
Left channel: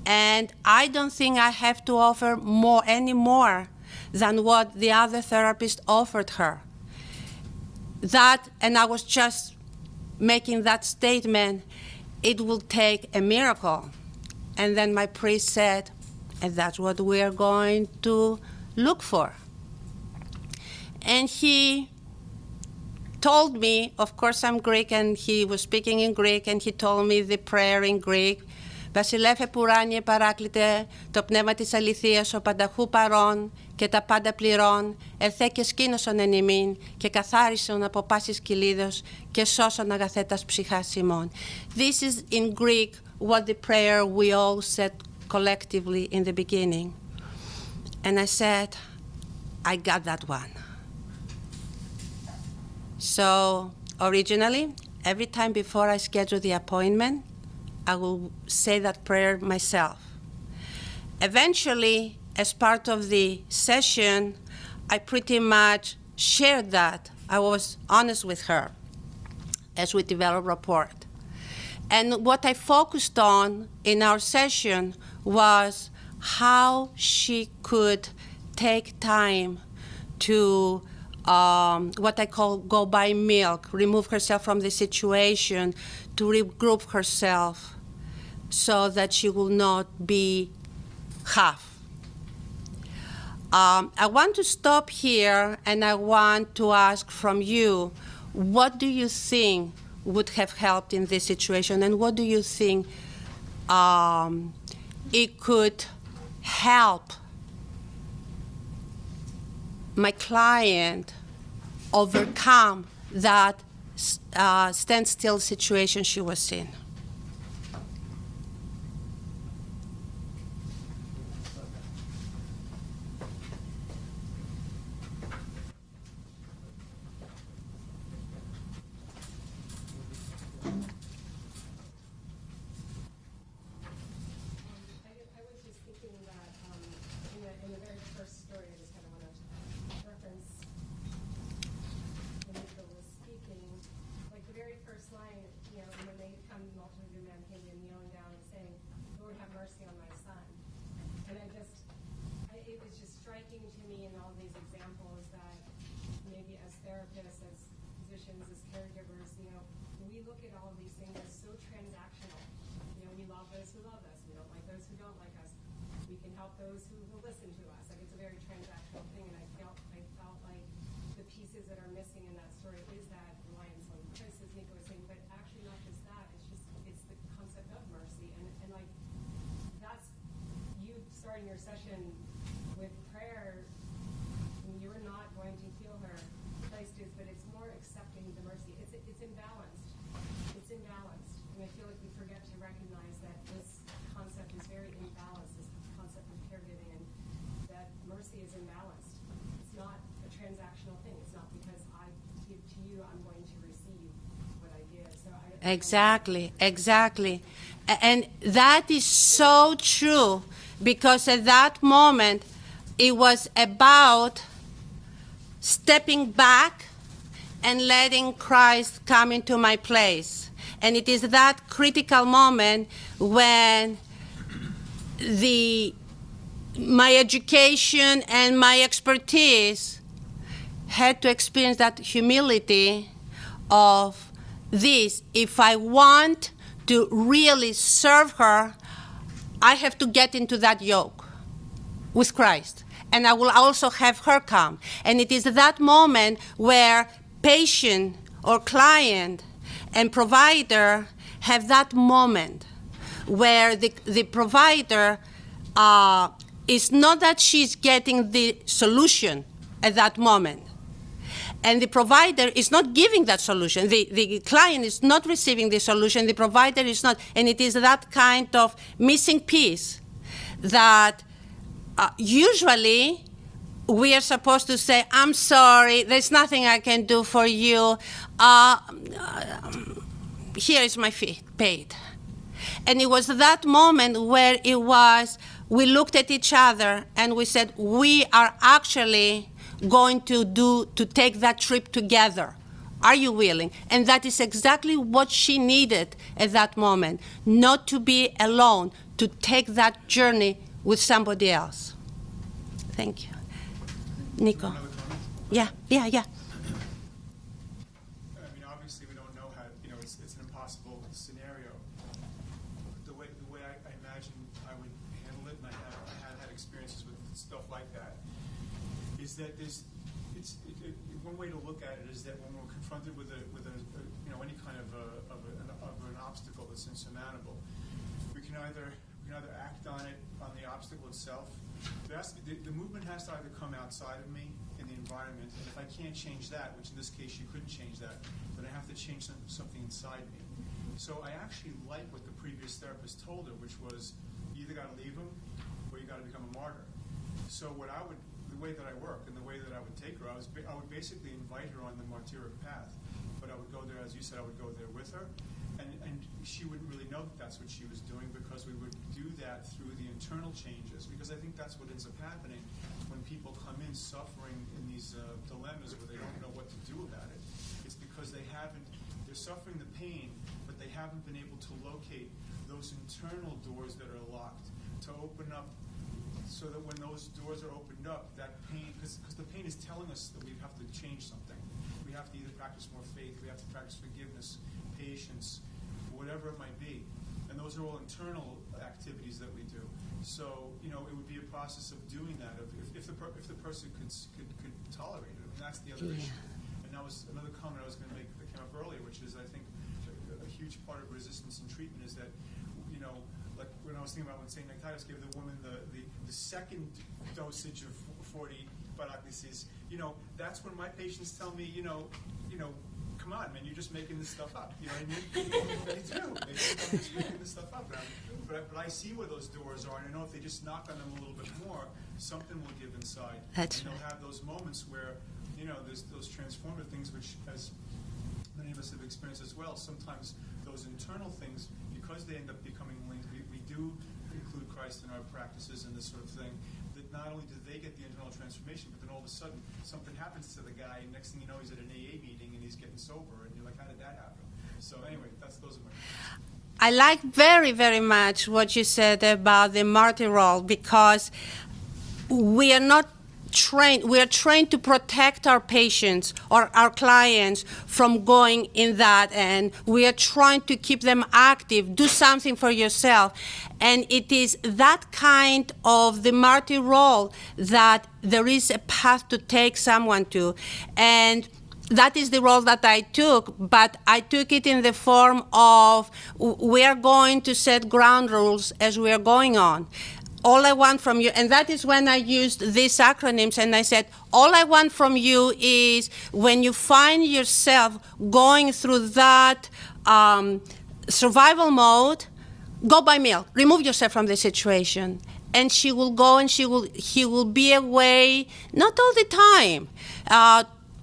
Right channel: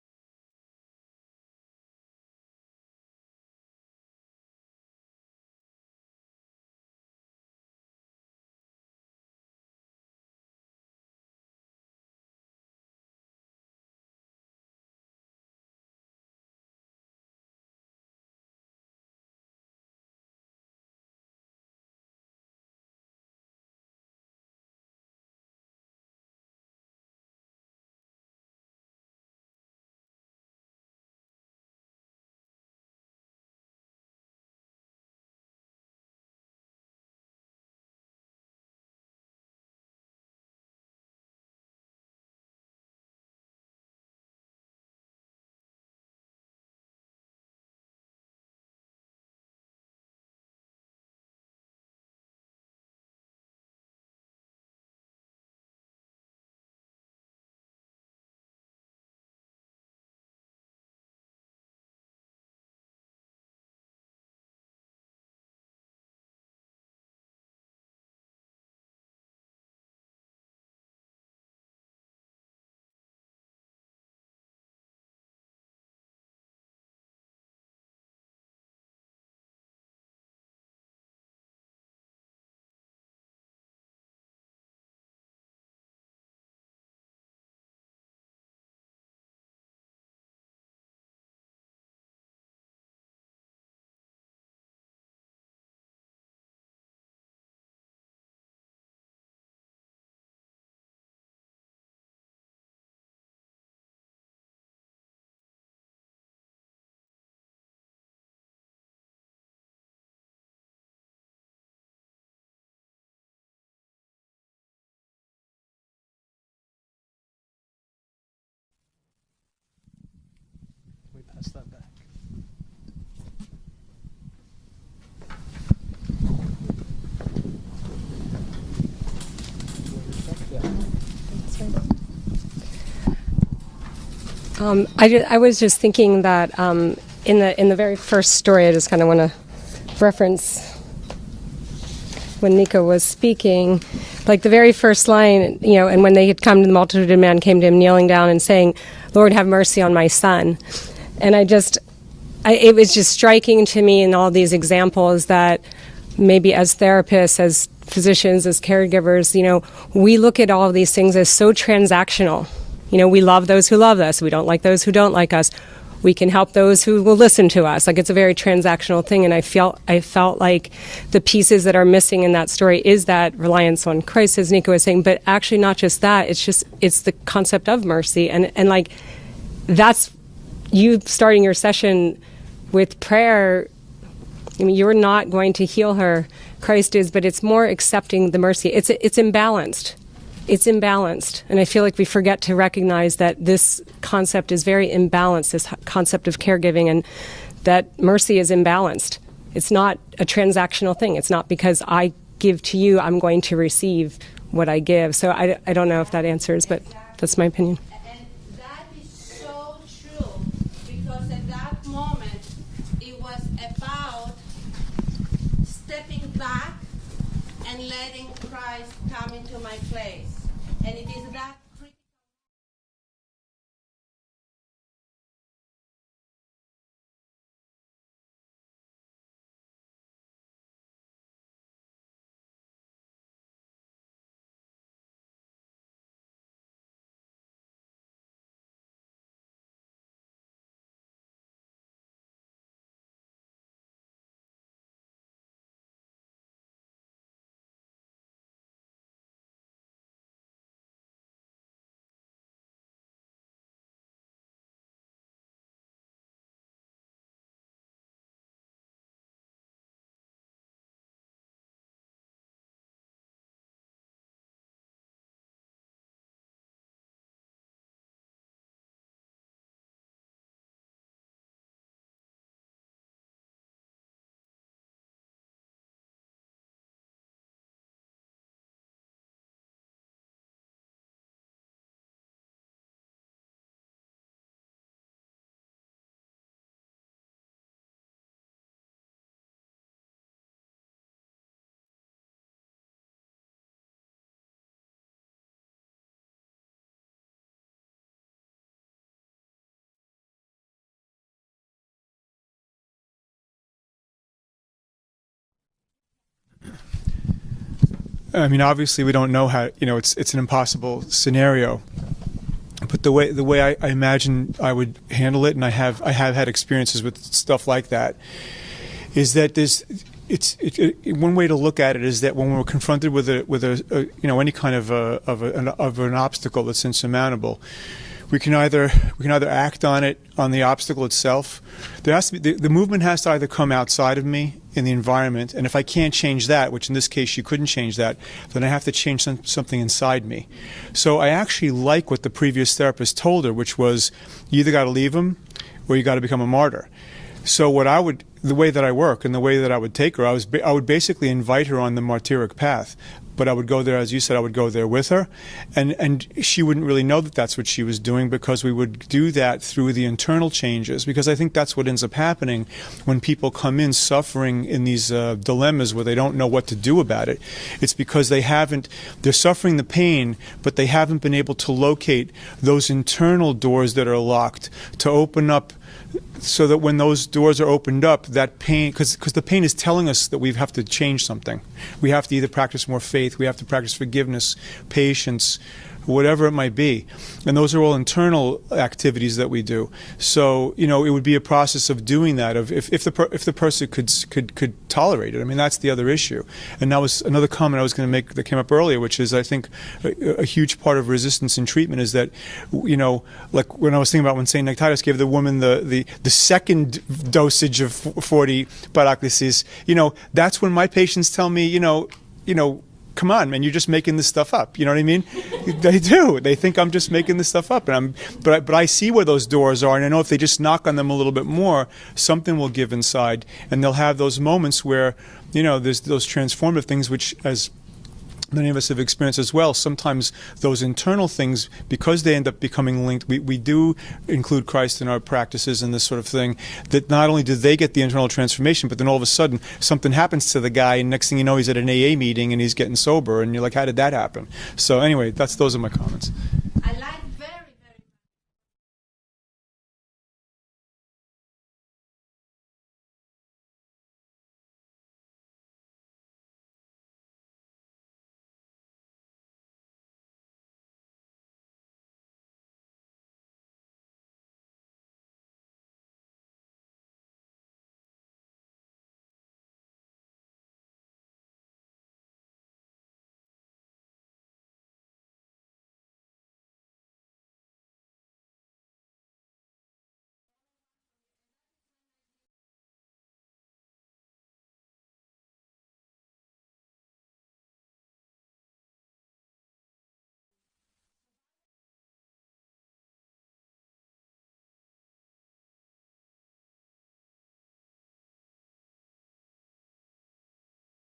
And I don't think I have to offer any more than what the other therapist offered her. That, and I was just making that statement, it will take a miracle. And then my priest said, and that's what we are going to look for. And he told me, of course I'm Greek, and he was speaking in Greek, and he told me the prayer in Greek. Βασιλεύε πουράνιε παράκλητε, το πνεύμα της αληθείας, ο πανταχού παρών και τα πάντα πληρών, ερθέ και σκήνωσον εν ημίν και καθάρισον από πάσης κυλίδος και σώσον αγαθέτας ψυχάς ημών. This is in Greek what the prayer we all said collectively in the beginning. And I said, I got that one. So originally, every time before I schedule the appointment, I will say that prayer myself. Eventually, as part of the session, I pretty much shared that. I was honest with her as we developed rapport. And what I focused on in our session was how she could take time to what I call go buy milk, remove herself from the situation, to regroup herself so that she will not be half. I want to stop here, and I want to ask from you, what do you think would have helped in this situation, and what do you think it could help my client overcome that standstill situation she was in? I was just thinking that in the very first story, I just kind of want to reference when Nico was speaking, like the very first line, and when they had come to the multitude of men came to him kneeling down and saying, "Lord, have mercy on my son." And it was just striking to me in all these examples that maybe as therapists, as physicians, as caregivers, we look at all of these things as so transactional. We love those who love us. We don't like those who don't like us. We can help those who will listen to us. Like, it's a very transactional thing, and I felt like the pieces that are missing in that story is that reliance on Christ, as Nico was saying, but actually not just that. It's the concept of mercy, and like that's you starting your session with prayer. I mean, you're not going to heal her, Christ is, but it's more accepting the mercy. It's imbalanced. It's imbalanced. And I feel like we forget to recognize that this concept is very imbalanced, this concept of caregiving, and that mercy is imbalanced. It's not a transactional thing. It's not because I give to you, I'm going to receive what I give. So I don't know if that answers, but that's my opinion. And that is so true, because at that moment, it was about stepping back and letting Christ come into my place. And it is that critical moment when my education and my expertise had to experience that humility of this. If I want to really serve her, I have to get into that yoke with Christ. And I will also have her come. And it is that moment where patient or client and provider have that moment where the provider is not that she's getting the solution at that moment. And the provider is not giving that solution. The client is not receiving the solution. The provider is not. And it is that kind of missing piece that usually we are supposed to say, "I'm sorry, there's nothing I can do for you. Here is my fee, paid." And it was that moment where we looked at each other and we said, we are actually going to take that trip together. Are you willing? And that is exactly what she needed at that moment, not to be alone, to take that journey with somebody else. Thank you. Nico. Yeah. I mean, obviously, we don't know how. It's an impossible scenario. But the way I imagine I would handle it, and I have had experiences with stuff like that, is that one way to look at it is that when we're confronted with any kind of an obstacle that's insurmountable, we can either act on it, on the obstacle itself. There has to be the movement has to either come outside of me in the environment, and if I can't change that, which in this case you couldn't change that, then I have to change something inside me. So I actually like what the previous therapist told her, which was, you either got to leave him or you got to become a martyr. So the way that I work and the way that I would take her, I would basically invite her on the martyric path. But I would go there, as you said, I would go there with her. And she wouldn't really know that that's what she was doing, because we would do that through the internal changes. Because I think that's what ends up happening when people come in suffering in these dilemmas where they don't know what to do about it. It's because they're suffering the pain, but they haven't been able to locate those internal doors that are locked to open up, so that when those doors are opened up, that pain, because the pain is telling us that we have to change something. We have to either practice more faith, we have to practice forgiveness, patience, whatever it might be. And those are all internal activities that we do. So, it would be a process of doing that, of if the person could tolerate it. I mean, that's the other issue. And that was another comment I was going to make that came up earlier, which is, I think, a huge part of resistance in treatment is that, like when I was thinking about when St. Nectarius gave the woman the second dosage of 40 Papadeas, that's when my patients tell me, come on, man, you're just making this stuff up. You know what I mean? They do. They think I'm just making this stuff up. But I see where those doors are, and I know if they just knock on them a little bit more, something will give inside. And they'll have those moments where, there's those transformative things, which, as many of us have experienced as well. Sometimes those internal things, because they end up becoming linked, we do include Christ in our practices and this sort of thing, that not only do they get the internal transformation, but then all of a sudden something happens to the guy, and next thing you know, he's at an AA meeting and he's getting sober, and you're like, how did that happen? So anyway, those are my comments. I like very, very much what you said about the martyr role, because we are not trained. We are trained to protect our patients or our clients from going in that, and we are trying to keep them active. Do something for yourself. And it is that kind of the martyr role that there is a path to take someone to. And that is the role that I took, but I took it in the form of, we are going to set ground rules as we are going on. All I want from you, and that is when I used these acronyms, and I said, all I want from you is when you find yourself going through that survival mode, go buy milk, remove yourself from the situation. And she will go, and he will be away, not all the time,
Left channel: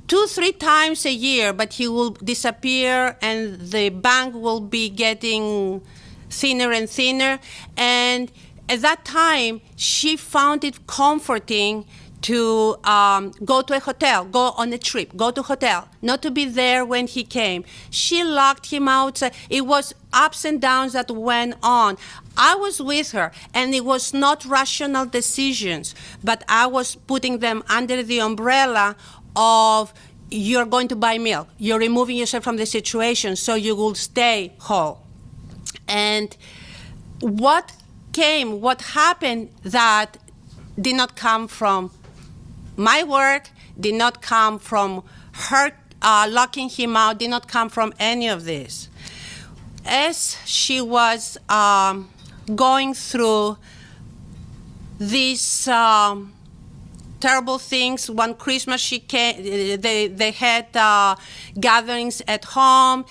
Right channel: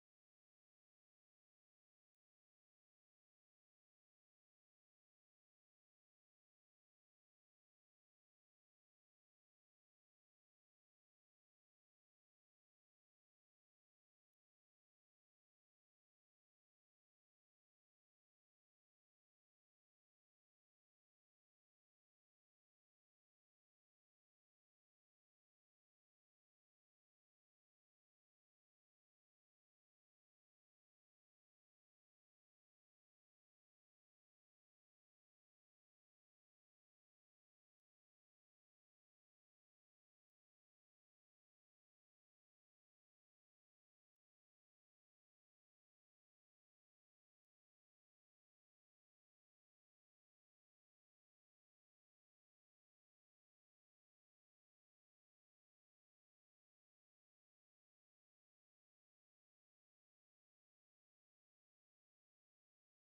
2-3 times a year, but he will disappear, and the bank will be getting thinner and thinner. And at that time, she found it comforting to go to a hotel, go on a trip, go to a hotel, not to be there when he came. She locked him outside. It was ups and downs that went on. I was with her, and it was not rational decisions, but I was putting them under the umbrella of, you're going to buy milk. You're removing yourself from the situation so you will stay whole. And what happened that did not come from my work, did not come from her locking him out, did not come from any of this. As she was going through these terrible things, one Christmas she came, they had gatherings at home.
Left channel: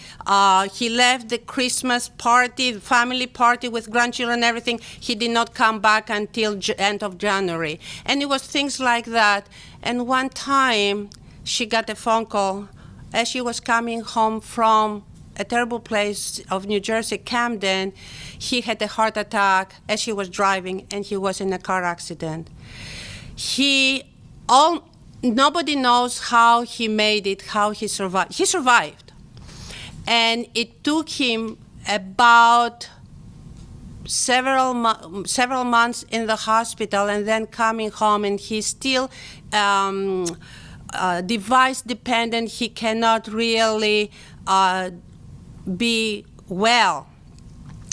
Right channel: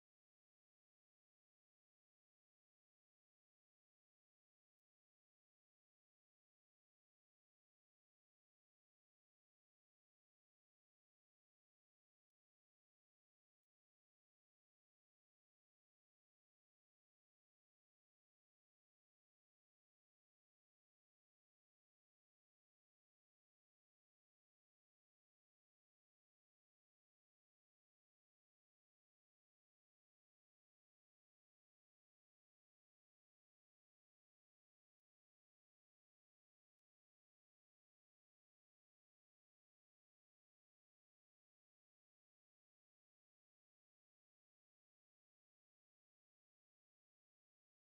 He left the Christmas party, the family party with grandchildren and everything. He did not come back until end of January. And it was things like that. And one time she got a phone call as she was coming home from a terrible place of New Jersey, Camden. He had a heart attack as he was driving, and he was in a car accident. Nobody knows how he made it, how he survived. He survived. And it took him about several months in the hospital, and then coming home, and he's still device dependent. He cannot really be well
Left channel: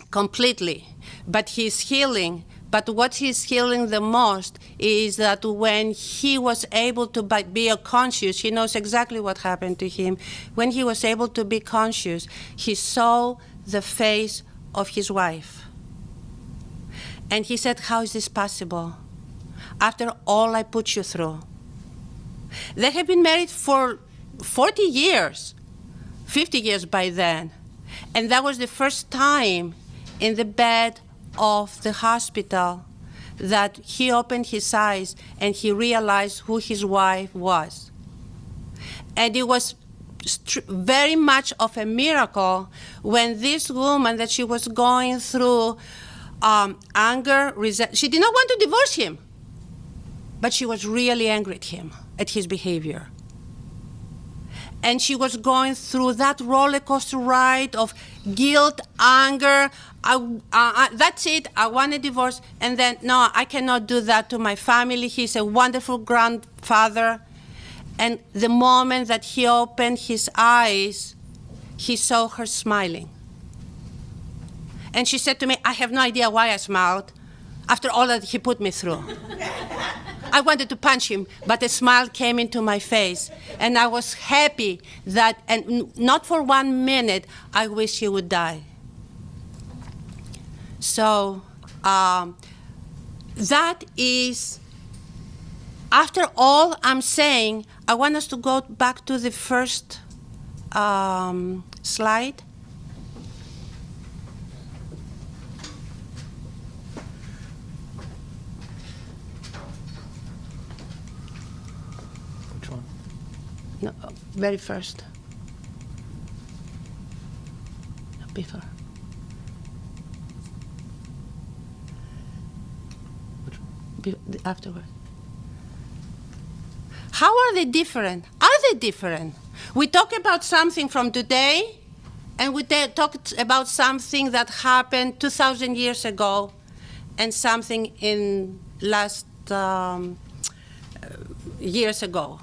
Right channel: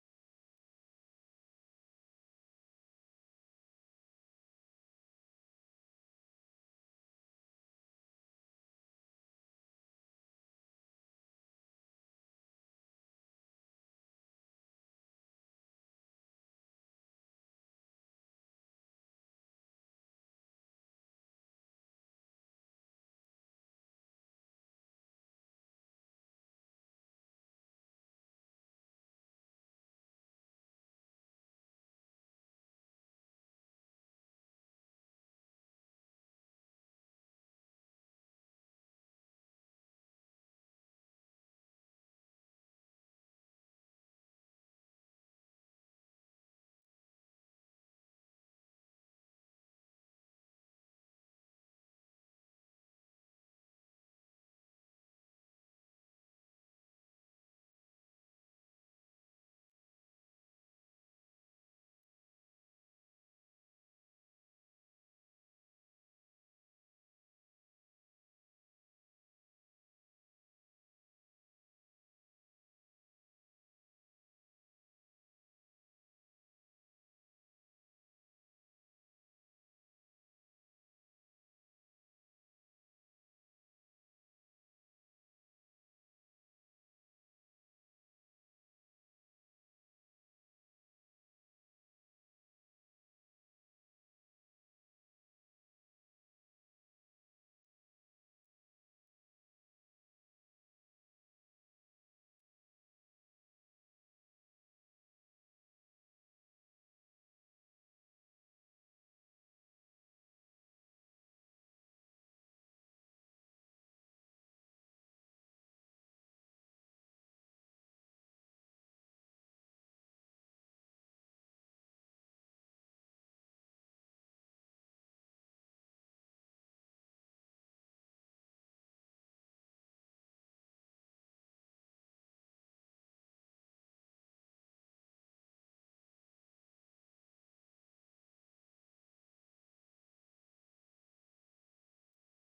completely, but he's healing. But what he's healing the most is that when he was able to be conscious, he knows exactly what happened to him. When he was able to be conscious, he saw the face of his wife. And he said, how is this possible? After all I put you through. They have been married for 40 years, 50 years by then. And that was the first time in the bed of the hospital that he opened his eyes and he realized who his wife was. And it was very much of a miracle when this woman, that she was going through anger, she did not want to divorce him, but she was really angry at him, at his behavior. And she was going through that roller coaster ride of guilt, anger. That's it, I want a divorce. And then, no, I cannot do that to my family. He's a wonderful grandfather. And the moment that he opened his eyes, he saw her smiling. And she said to me, I have no idea why I smiled after all that he put me through. I wanted to punch him, but a smile came into my face. And I was happy that, and not for 1 minute, I wish he would die. So that is, after all I'm saying, I want us to go back to the first slide. Which one? No, very first. before. Afterward. How are they different? Are they different? We talk about something from today, and we talk about something that happened 2,000 years ago, and something in last years ago.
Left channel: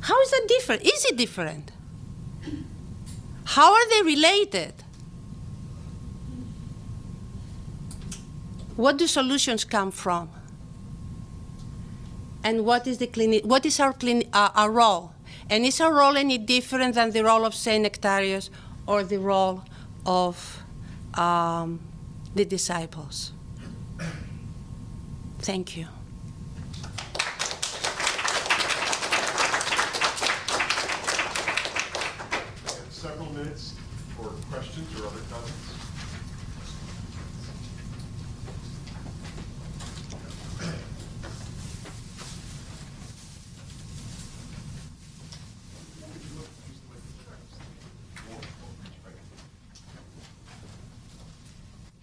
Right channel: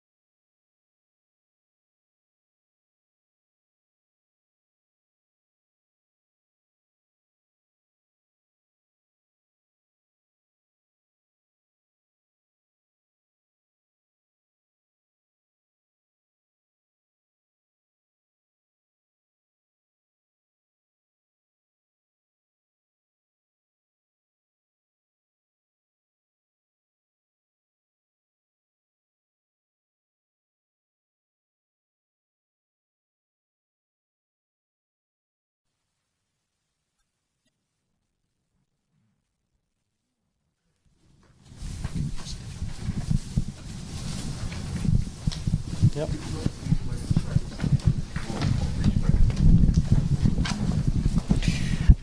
How is that different? Is it different? How are they related? What do solutions come from? And what is our role? And is our role any different than the role of Saint Nectarius or the role of the disciples? Thank you. Several minutes for questions or other comments. Yep.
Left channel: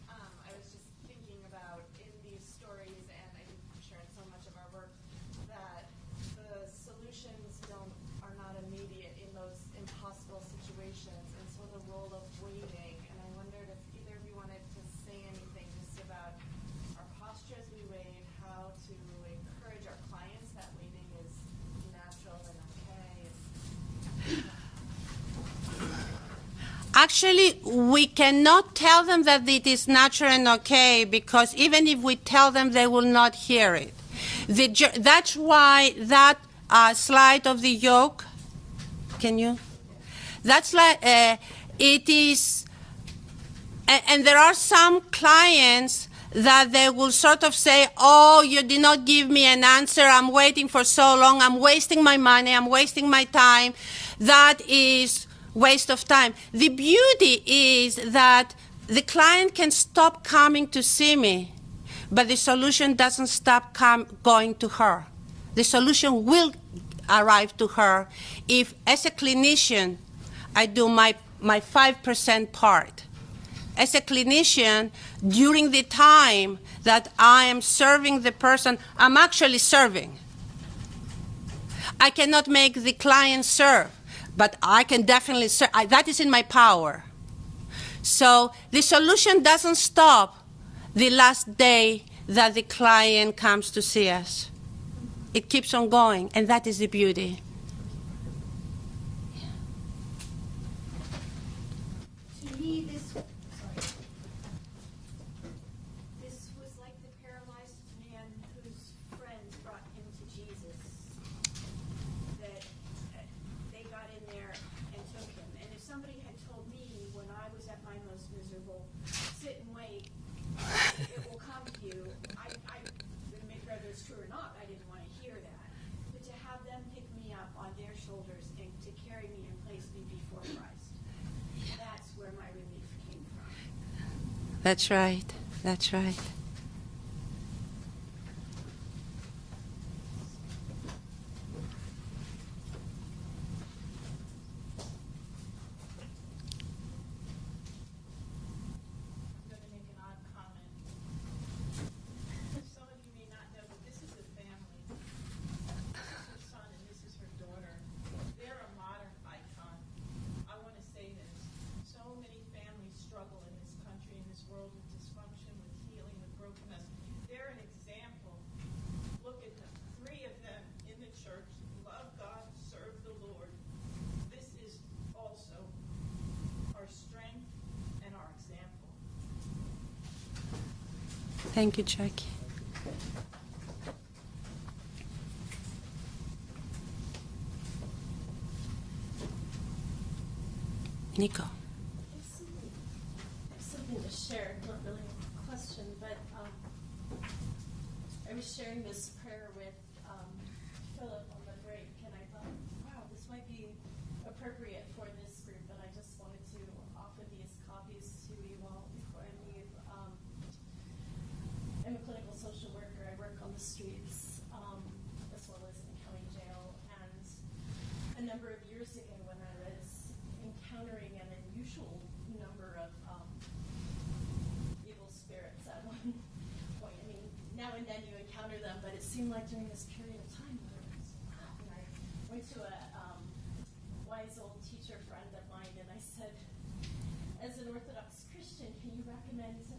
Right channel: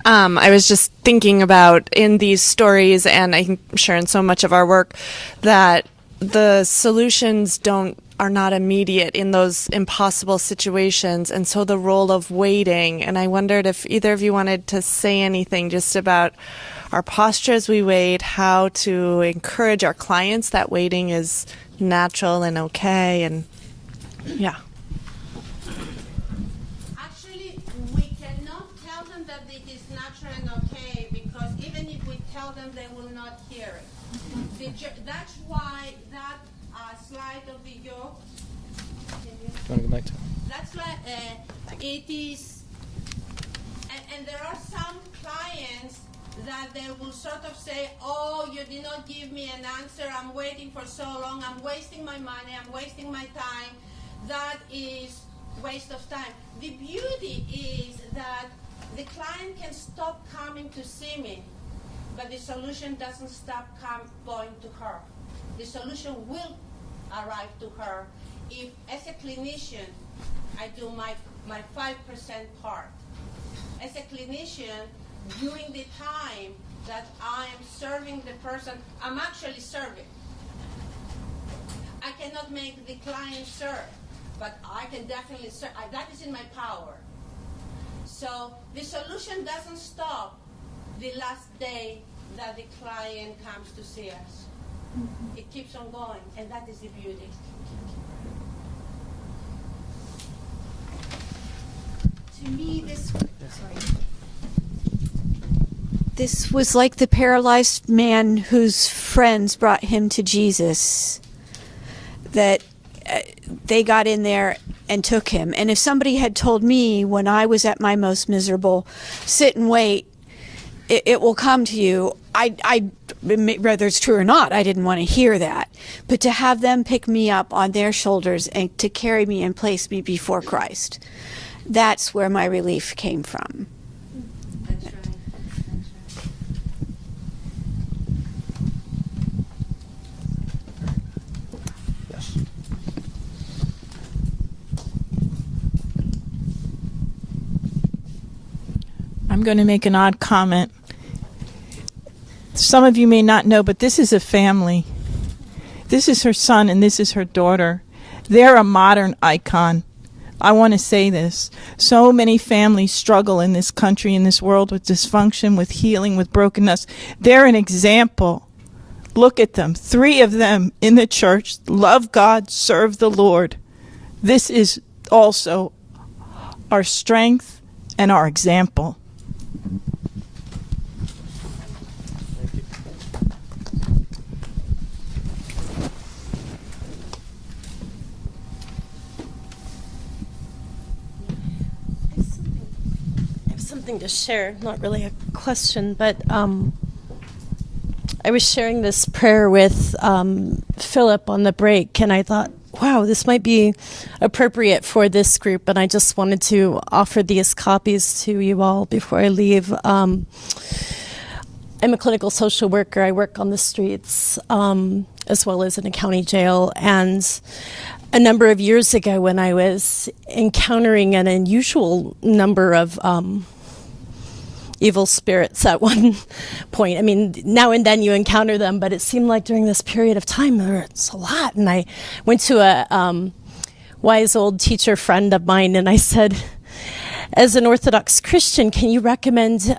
I was just thinking about in these stories, and I'm sure in so much of our work, that the solutions are not immediate in those impossible situations, and so the role of waiting. And I wondered if either of you wanted to say anything just about our posture as we wait, how to encourage our clients that waiting is natural and okay, and yeah. Actually, we cannot tell them that it is natural and okay, because even if we tell them, they will not hear it. That's why that slide of the yoke, can you? That's like, it is, and there are some clients that they will sort of say, oh, you did not give me an answer, I'm waiting for so long, I'm wasting my money, I'm wasting my time. That is waste of time. The beauty is that the client can stop coming to see me, but the solution doesn't stop going to her. The solution will arrive to her if, as a clinician, I do my 5% part. As a clinician, during the time that I am serving the person, I'm actually serving. I cannot make the client serve, but I can definitely serve. That is in my power. So the solution doesn't stop the last day that the client comes to see us. It keeps on going, and that is the beauty. To me, this was like the paralyzed man whose friends brought him to Jesus, that they got in there and took him. And if somebody had told me when I was at my most miserable, sit and wait, it will come to you, whether it's true or not, I didn't want to hear that. But to have them pick me up on their shoulders and to carry me and place me before Christ, that's where my relief came from. That's right. That's right. Yes. I'm going to make an odd comment. Some of you may not know, but this is a family. This is her son and this is her daughter. They're a modern icon. I want to say this. So many families struggle in this country, in this world, with dysfunction, with healing, with brokenness. They're an example. Look at them. 3 of them in the church love God, serve the Lord. This is also our strength and our example. Thank you, Jackie. Nico. I have something to share, not really a question, but I was sharing this prayer with Philip on the break, and I thought, wow, this might be appropriate for this group, and I just wanted to offer these copies to you all before I leave. I'm a clinical social worker. I work on the streets as well as in a county jail, and a number of years ago when I was encountering an unusual number of evil spirits at one point. I mean, now and then you encounter them, but it seemed like during this period of time it's a lot. And I went to a wise old teacher friend of mine, and I said, as an Orthodox Christian, can you recommend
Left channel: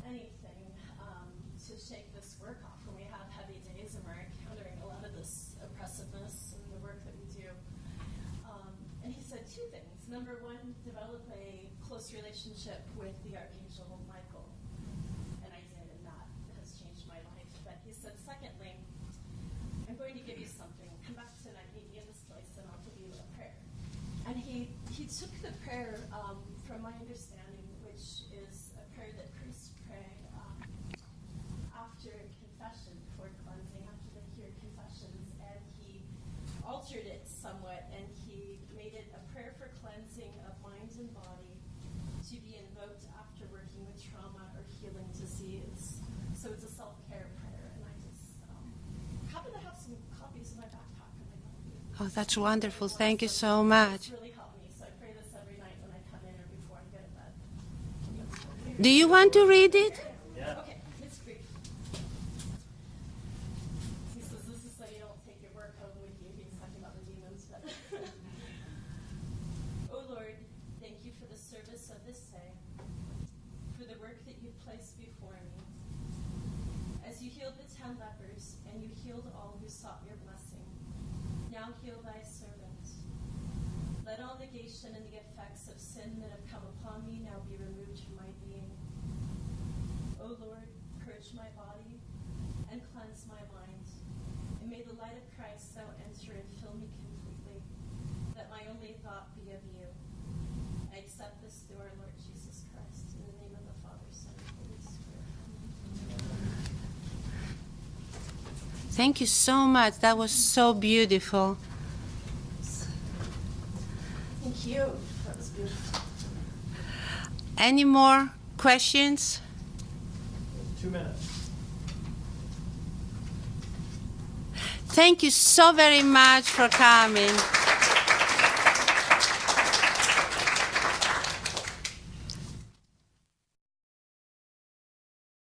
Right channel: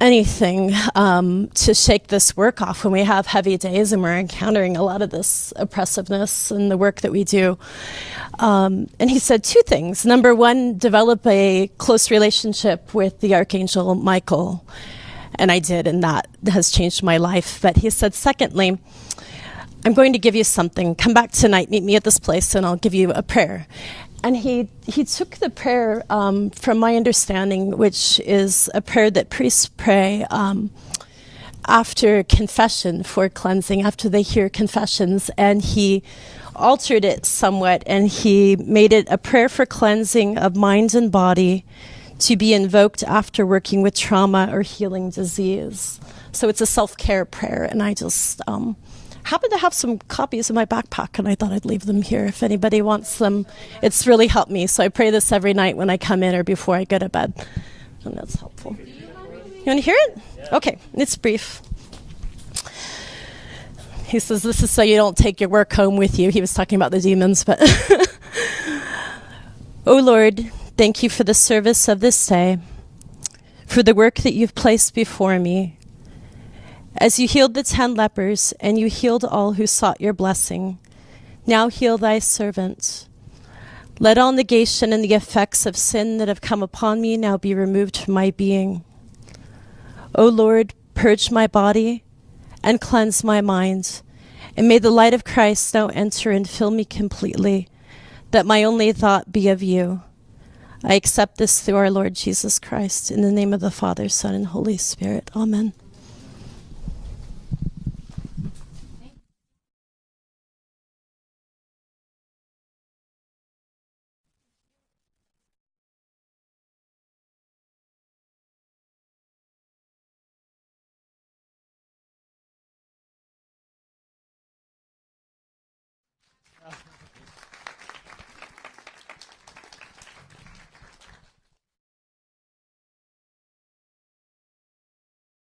anything to shake this work off when we have heavy days and we're encountering a lot of this oppressiveness in the work that we do? And he said two things. Number one, develop a close relationship with the Archangel Michael. And I did, and that has changed my life. But he said, secondly, I'm going to give you something. Come back tonight, meet me at this place, and I'll give you a prayer. And he took the prayer, from my understanding, which is a prayer that priests pray after confession for cleansing, after they hear confessions, and he altered it somewhat, and he made it a prayer for cleansing of mind and body to be invoked after working with trauma or healing disease. So it's a self-care prayer, and I just happen to have some copies in my backpack, and I thought I'd leave them here if anybody wants Thank them. you so much. It's really helped me, so I pray this every night when I come in or before I go to bed, and that's helpful. Do you want to read You want to it? hear it? Yeah. Okay, it's brief. He says, this is so you don't take your work home with you. He was talking about the demons, but O Lord, thank you for the service of this day, for the work that you've placed before me. As you healed the 10 lepers, and you healed all who sought your blessing, now heal thy servant. Let all negation and the effects of sin that have come upon me now be removed from my being. O Lord, purge my body and cleanse my mind, and may the light of Christ now enter and fill me completely, that my only thought be of you. I accept this through our Lord Jesus Christ, in the name of the Father, Son, and Holy Spirit. Amen. Thank you so much. That was so beautiful. Thank you. That was beautiful. Any more questions? 2 minutes. Thank you so very much for coming.